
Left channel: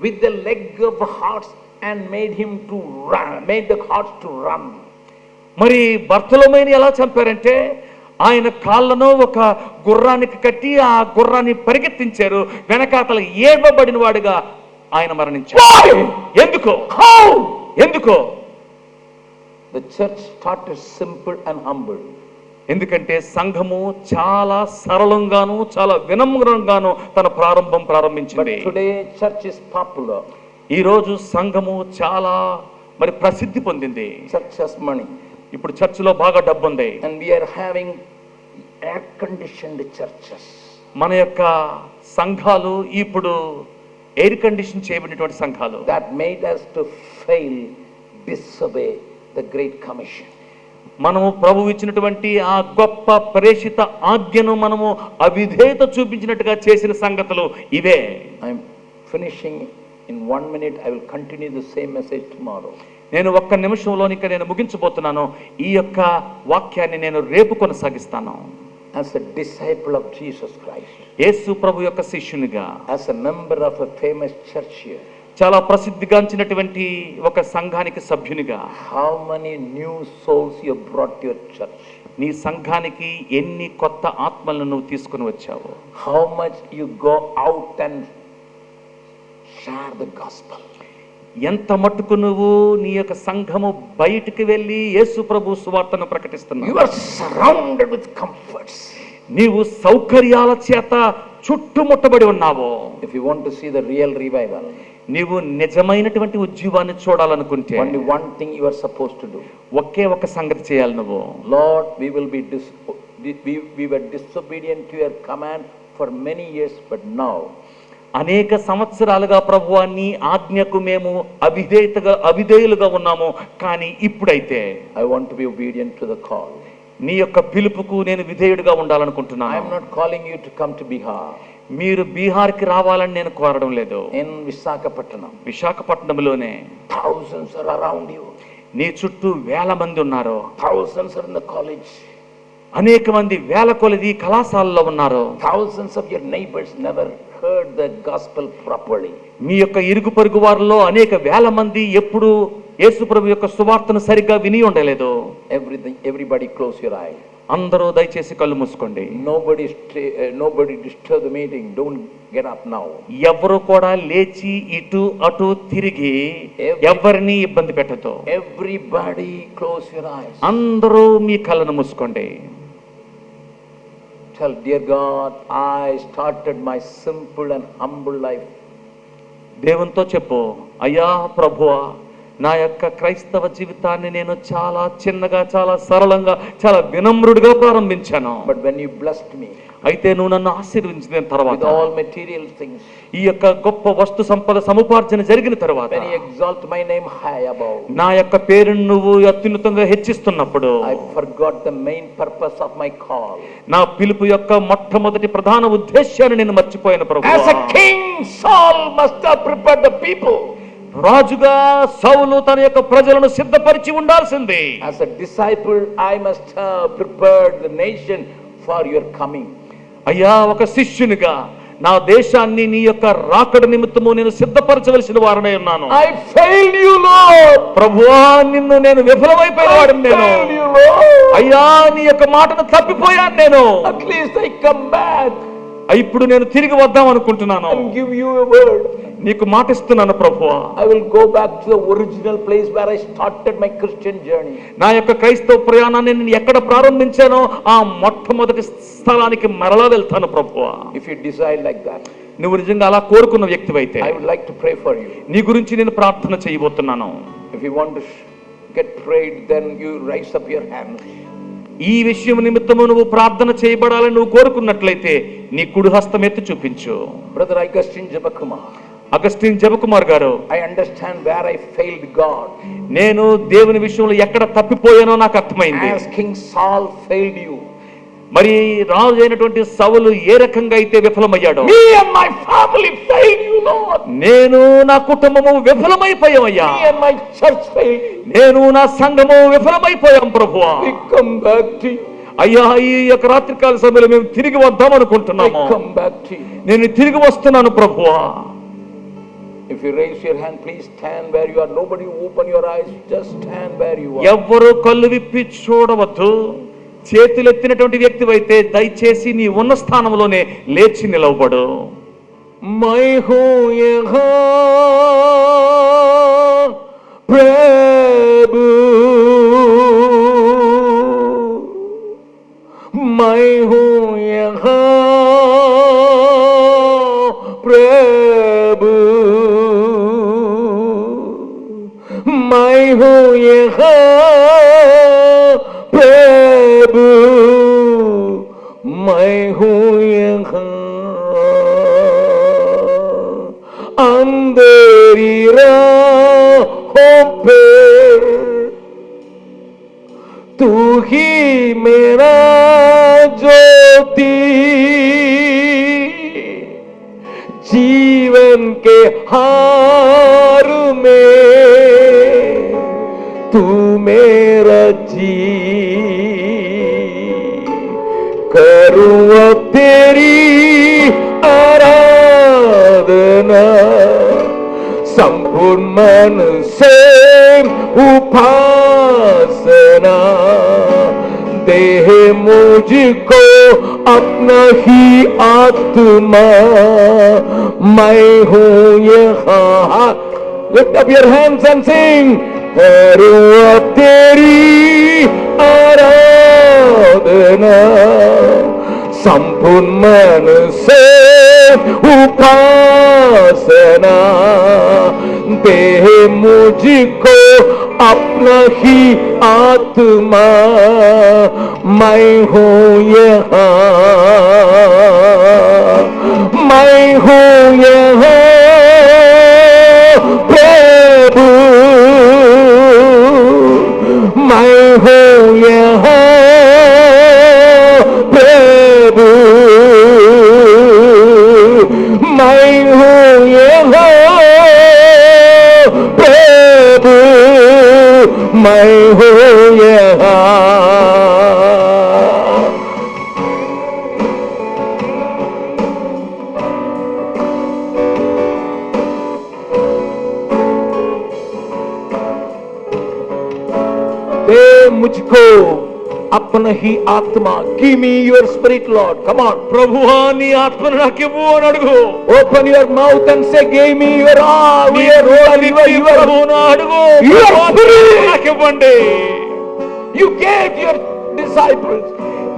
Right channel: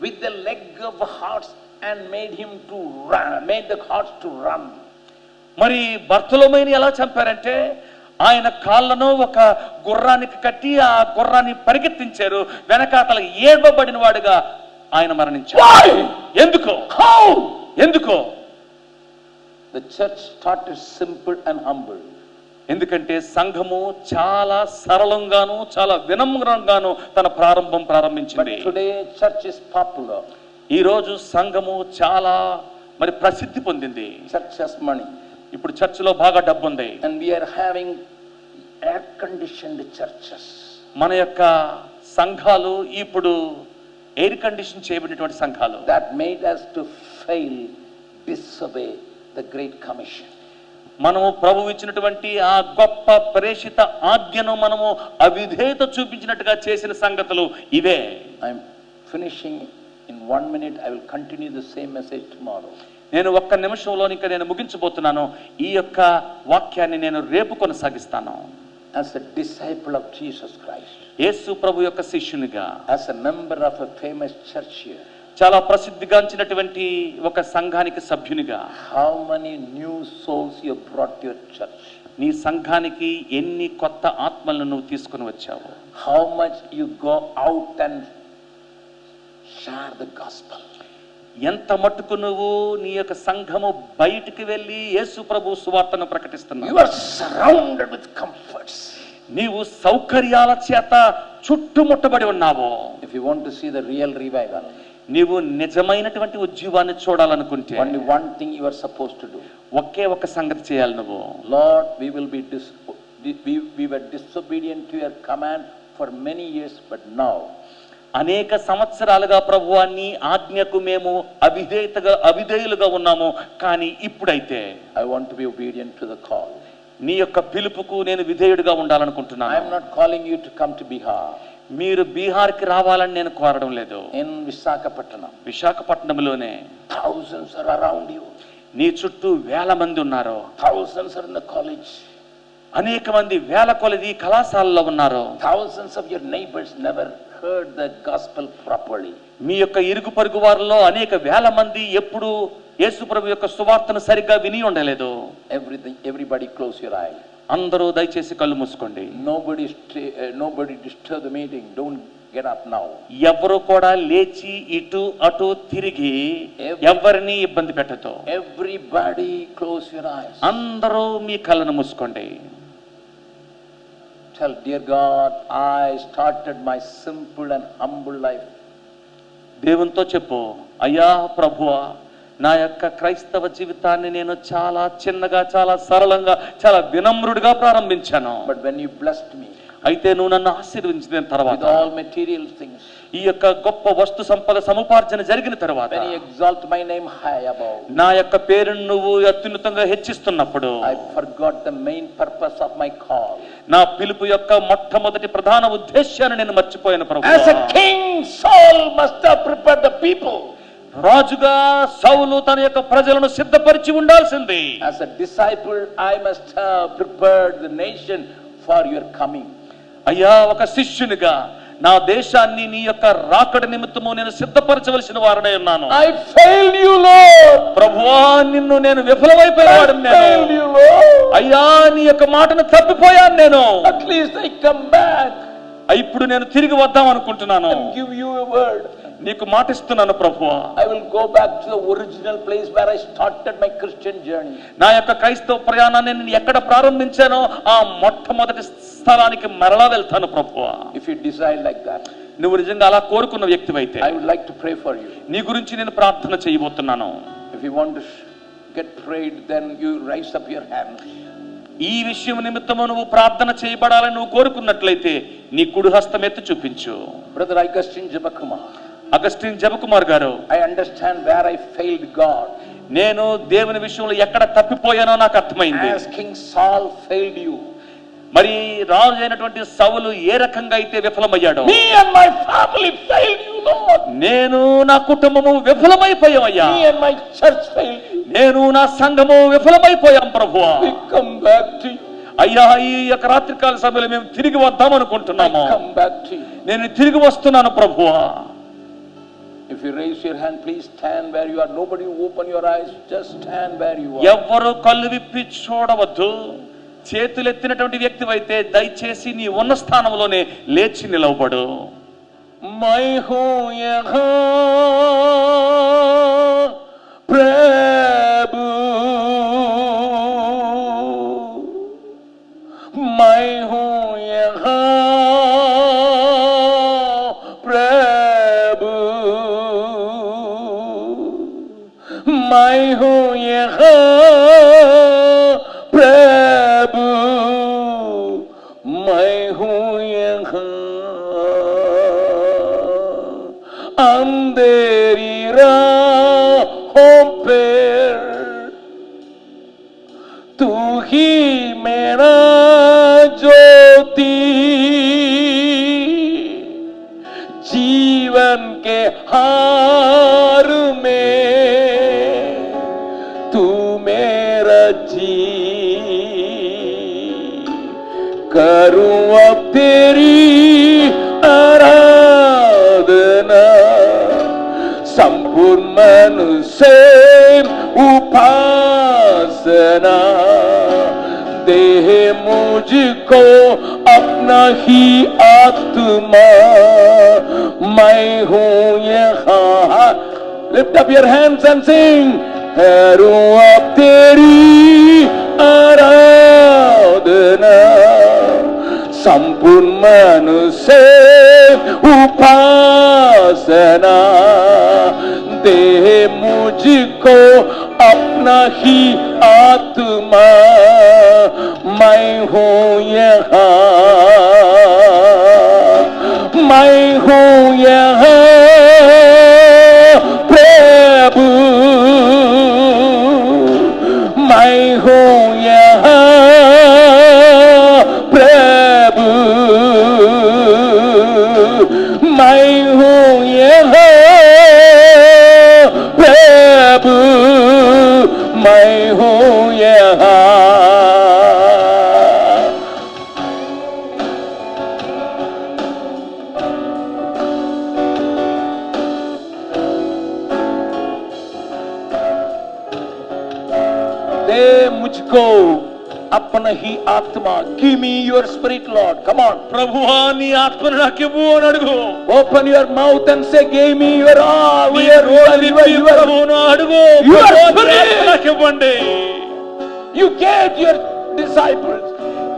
with the leg of the horse and made him to run, made the horse to run. మరి బర్తలోమేని ఎలా చంపారంటే ఆయన కాళ్ళను ఒక గుర్రానికి కట్టి ఆ గుర్రాన్ని పరిగెత్తించారు. వెనకాతల ఏడ్వబడిన వాడుగా ఆయన మరణించారు. ఎందుకో? ఎందుకో? The church started simple and humble. ఎందుకంటే సంఘము చాలా సరళంగాను చాలా వినమ్రంగాను తన ప్రారంభించింది. But today church is popular. ఈ రోజు సంఘము చాలా మరి ప్రసిద్ధి పొందింది. Church has money. ఇప్పుడు చర్చిలో బాగా డబ్బు ఉంది. And we are having air conditioned churches. మన యొక్క సంఘాలు ఇప్పుడు ఎయిర్ కండిషన్ చేయబడినటువంటి సంఘాలు. That made us to fail, disobey the great commission. మనము ప్రభువు ఇచ్చినటువంటి ఆ గొప్ప ప్రేషిత ఆజ్ఞను మనము అవిధేయత చూపించినట్టుగా చేసిన సంగతులు ఇవే. I'm finishing in 1 minute. I will continue the same message tomorrow. నేను ఒక్క నిమిషంలో ఇంకా నేను ముగించబోతున్నాను. ఈ యొక్క వాక్యాన్ని నేను రేపు కొనసాగిస్తాను. As a disciple of Jesus Christ, యేసు ప్రభు యొక్క శిష్యునిగా, as a member of a famous church here, చాలా ప్రసిద్ధిగాంచినటువంటి ఒక సంఘానికి సభ్యునిగా, how many new souls you brought to your church? నీ సంఘానికి ఎన్ని కొత్త ఆత్మలను నువ్వు తీసుకుని వచ్చావు? How much you go out and share the gospel? ఎంత మట్టుకు నువ్వు నీ యొక్క సంఘము బయటికి వెళ్ళి యేసు ప్రభు సువార్తను ప్రకటిస్తున్నావు. You are surrounded with comforts. నీవు సౌకర్యాల చేత చుట్టుముట్టబడి ఉన్నావు. If you want to see the real revival, నీవు నిజమైనటువంటి ఉజ్జీవాన్ని చూడాలనుకుంటే only one thing you are supposed to do. ఒకే ఒక సంగతి చేయాలి నువ్వు. Lord, we were disobedient to your command for many years, but now అనేక సంవత్సరాలుగా ప్రభువా నీ ఆజ్ఞకు మేము అవిధేయులుగా ఉన్నాము, కానీ ఇప్పుడైతే I want to be obedient to the call. నీ యొక్క పిలుపుకు నేను విధేయుడిగా I ఉండాలనుకుంటున్నాను. am not calling you to come to Bihar. మీరు బీహార్కి రావాలని నేను కోరడం లేదు. In Visakhapatnam, విశాఖపట్నంలోనే thousands are around you. నీ చుట్టూ వేల మంది ఉన్నారు. Thousands are in the college. అనేక మంది వేల కొలది కళాశాలలో ఉన్నారు. Thousands of your neighbors never heard the gospel properly. మీ యొక్క ఇరుగు పొరుగు వారిలో అనేక వేల మంది ఎప్పుడు యేసు ప్రభు యొక్క సువార్తను సరిగ్గా విని ఉండలేదు. Everybody close your eye. అందరూ దయచేసి కళ్ళు మూసుకోండి. Nobody disturb the meeting. Don't get up now. ఎవరు కూడా లేచి ఇటు అటు తిరిగి ఎవరిని ఇబ్బంది పెట్టదు. Everybody close your eyes. అందరూ మీ కళ్ళను మూసుకోండి. Tell, dear God, I started my simple and humble life. దేవునితో చెప్పు, అయ్యా ప్రభువా, నా యొక్క క్రైస్తవ జీవితాన్ని నేను చాలా చిన్నగా, చాలా సరళంగా, చాలా వినమ్రుడిగా ప్రారంభించాను. But when you blessed me, అయితే నువ్వు నన్ను ఆశీర్వదించిన తర్వాత, with all material things, ఈ యొక్క గొప్ప వస్తు సంపద సముపార్జన జరిగిన తర్వాత, when you exalt my name high above, నా యొక్క పేరును నువ్వు అత్యున్నతంగా హెచ్చిస్తున్నప్పుడు, I forgot the main purpose of my call. నా పిలుపు యొక్క మొట్టమొదటి ప్రధాన ఉద్దేశాన్ని నేను మర్చిపోయాను ప్రభువా. As a king, Saul must have prepared the people. రాజుగా సౌలు తన యొక్క ప్రజలను సిద్ధపరిచి ఉండాల్సింది. As a disciple, I must have prepared the nation for your coming. అయ్యా, ఒక శిష్యునిగా నా దేశాన్ని నీ యొక్క రాకడ నిమిత్తము నేను సిద్ధపరచవలసిన వారనే ఉన్నాను. I failed you, Lord. ప్రభువా, నిన్ను నేను విఫలమైపోయాను. నేను అయ్యా నీ యొక్క మాటను తప్పిపోయాను. నేను At least I come back. ఇప్పుడు నేను తిరిగి వద్దాం అనుకుంటున్నాను. And give you a word. నీకు మాట ఇస్తున్నాను ప్రభువా. I will go back to the original place where I started my Christian journey. నా యొక్క క్రైస్తవ ప్రయాణాన్ని నేను ఎక్కడ ప్రారంభించానో ఆ మొట్టమొదటి స్థలానికి మరలా వెళ్తాను ప్రభువా. If you decide like that, నువ్వు నిజంగా అలా కోరుకున్న వ్యక్తివైతే I would like to pray for you. నీ గురించి నేను ప్రార్థన చేయబోతున్నాను. If you want to get prayed, then you raise up your hand. ఈ విషయం నిమిత్తము నువ్వు ప్రార్థన చేయబడాలని నువ్వు కోరుకున్నట్లయితే నీ కుడి హస్తం ఎత్తి చూపించు. Brother Augustine Jabakumar, అగస్టిన్ జబకుమార్ గారు, I understand where I failed God. నేను దేవుని విషయంలో ఎక్కడ తప్పిపోయానో నాకు అర్థమైంది. As King Saul failed you, మరి రాజు అయినటువంటి సౌలు ఏ రకంగా అయితే విఫలమయ్యాడో, me and my family failed you, Lord. నేను నా కుటుంబము విఫలమైపోయామయ్యా. Me and my church failed you. నేను నా సంఘము విఫలమైపోయాం ప్రభువా. We come back to you. అయ్యా, ఈ యొక్క రాత్రికాల సమయంలో మేము తిరిగి వద్దాం అనుకుంటున్నాము. I come back to you. నేను తిరిగి వస్తున్నాను ప్రభువా. If you raise your hand, please stand where you are. Nobody open your eyes, just stand where you are. ఎవ్వరూ కళ్ళు విప్పి చూడవద్దు. చేతులెత్తినటువంటి వ్యక్తివైతే దయచేసి నీ ఉన్న స్థానంలోనే లేచి నిలవబడు. मैं हूँ यहाँ प्रभु, मैं हूँ यहाँ प्रभु, मैं हूँ यहाँ प्रभु, मैं हूँ यहाँ अंधेरी राहों पे तू ही मेरा ज्योति, जीवन के हार में तू मेरा जी, करूँ अब तेरी आराधना संपूर्ण मन से उपासना, देह मुझको अपना ही आत्मा, मैं हूँ यहाँ Lift up your hands and sing. करूं अब तेरी आराधना संपूर्ण मन से उपासना दे मुझको अपना ही आत्मा मैं हूँ यहाँ मैं हूँ यहाँ प्रभु मैं हूँ यहाँ प्रभु मैं हूँ यहाँ प्रभु मैं हूँ यहाँ दे मुझको अपना ही आत्मा give me your spirit Lord come on ప్రభువా నీ ఆత్మను నాకు ఇవ్వు అని అడుగు. ओपन योर माउथ एंड से गिव मी योर ప్రభువును అడుగు. Your ప్రభువా, నీ spirit. ఆత్మ నాకు ఇవ్వండి. you gave your disciples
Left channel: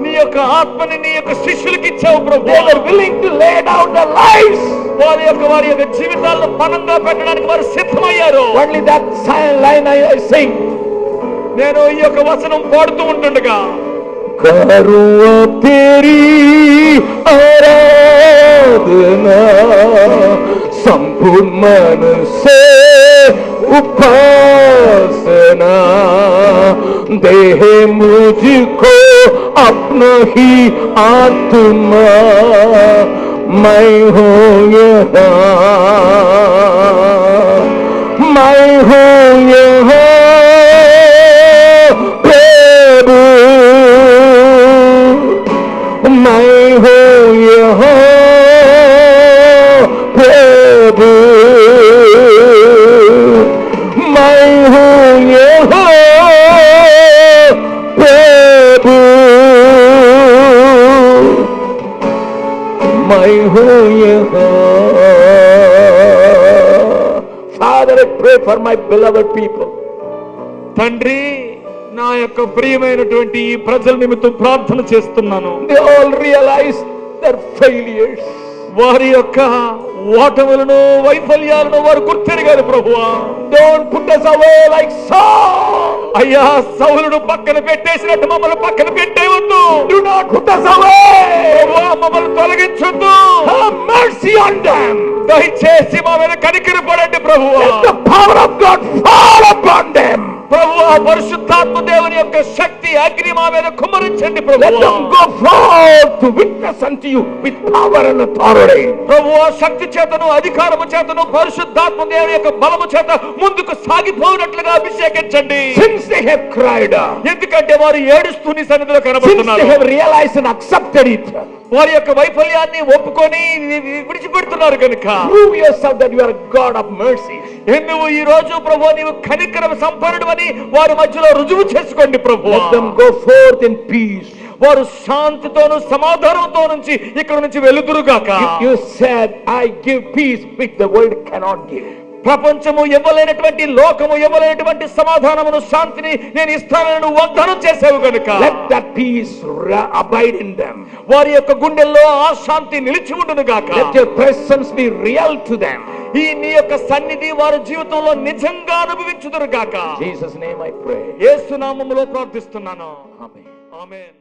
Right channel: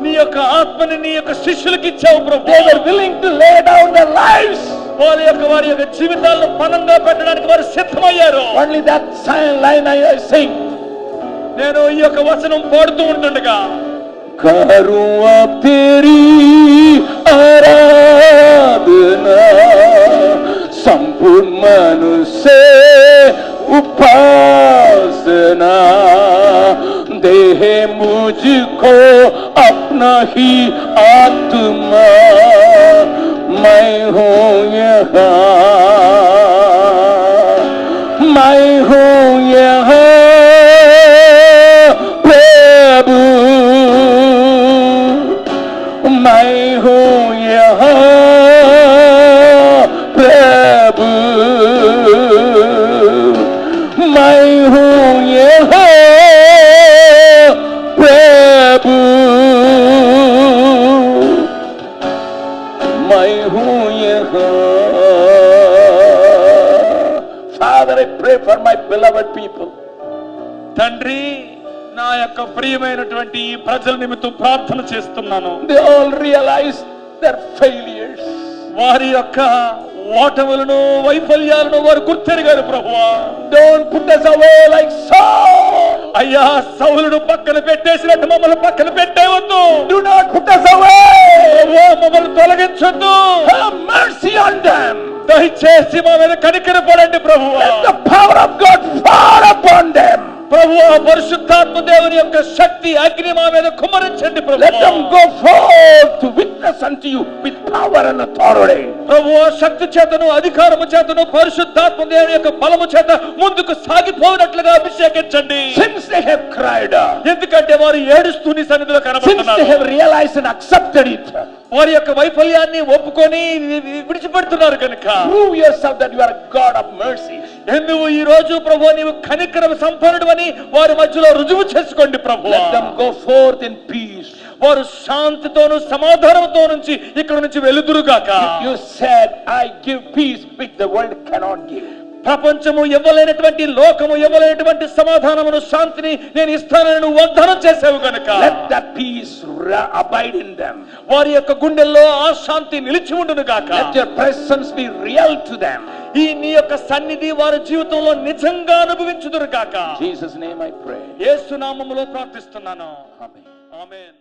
నీ యొక్క ఆత్మని నీ యొక్క శిష్యులకు ఇచ్చావు they ప్రభువా. were willing to lay down their lives వారి యొక్క జీవితాలను పణంగా పెట్టడానికి వారు సిద్ధమయ్యారు. only that line I sing నేను ఈ యొక్క వచనం పాడుతూ ఉంటుండగా करूं अब तेरी आराधना संपूर्ण मन से उपासना दे मुझको अपना ही आत्मा मैं हूँ यहाँ मैं हूँ यहाँ प्रभु मैं हूँ यहाँ प्रभु मैं हूँ यहाँ प्रभु मैं हूँ यहाँ Father, I pray for my beloved people. తండ్రి, నా యొక్క ప్రియమైనటువంటి ఈ ప్రజల నిమిత్తం ప్రార్థన చేస్తున్నాను. They all realize their failures. వారి యొక్క ఓటములను వైఫల్యాలను వారు గుర్తెరిగారు ప్రభువా. Don't put us away like Saul. అయ్యా, సౌలును పక్కన పెట్టేసినట్టు మమ్మల్ని పక్కన పెట్టేవద్దు. Do not put us away. ప్రభువా, మమ్మల్ని తొలగించొద్దు. Have mercy on them. దయచేసి మా మీద కనికరపడండి ప్రభువా. Let the power of God fall upon them. ప్రభువా, పరిశుద్ధాత్మ దేవుని యొక్క శక్తి అగ్ని మా మీద కుమ్మరించండి Let ప్రభువా. them go forth to witness unto you with power and authority. ప్రభువా, శక్తి చేతను అధికారము చేతను పరిశుద్ధాత్మ దేవుని యొక్క బలము చేత ముందుకు సాగిపోయినట్లుగా అభిషేకించండి. Since they have cried out, ఎందుకంటే వారు ఏడుస్తూ నీ సన్నిధిలో since they కనబడుతున్నారు. have realized and accepted it, వారి యొక్క వైఫల్యాన్ని ఒప్పుకొని విడిచిపెడుతున్నారు కనుక prove yourself that you are a God of mercy. నువ్వు ఈ రోజు ప్రభువా నీవు కనికరం సంపన్నుడు అని వారి మధ్యలో రుజువు చేసుకోండి ప్రభువా. Let them go forth in peace. వారు శాంతితోను సమాధానంతో నుంచి ఇక్కడ నుంచి వెలుదురుగాక. You said, I give peace which the world cannot give. ప్రపంచము ఇవ్వలేనటువంటి, లోకము ఇవ్వలేనటువంటి సమాధానమును, శాంతిని నేను ఇస్తానని నువ్వు వాగ్దానం చేసావు కనుక Let that peace abide in them. వారి యొక్క గుండెల్లో ఆ శాంతి నిలిచి ఉండును గాక. Let your presence be real to them. ఈ నీ యొక్క సన్నిధి వారి జీవితంలో నిజంగా అనుభవించుదురు గాక. In Jesus' name I pray. యేసు నామములో ప్రార్థిస్తున్నాను. Amen. ఆమేన్.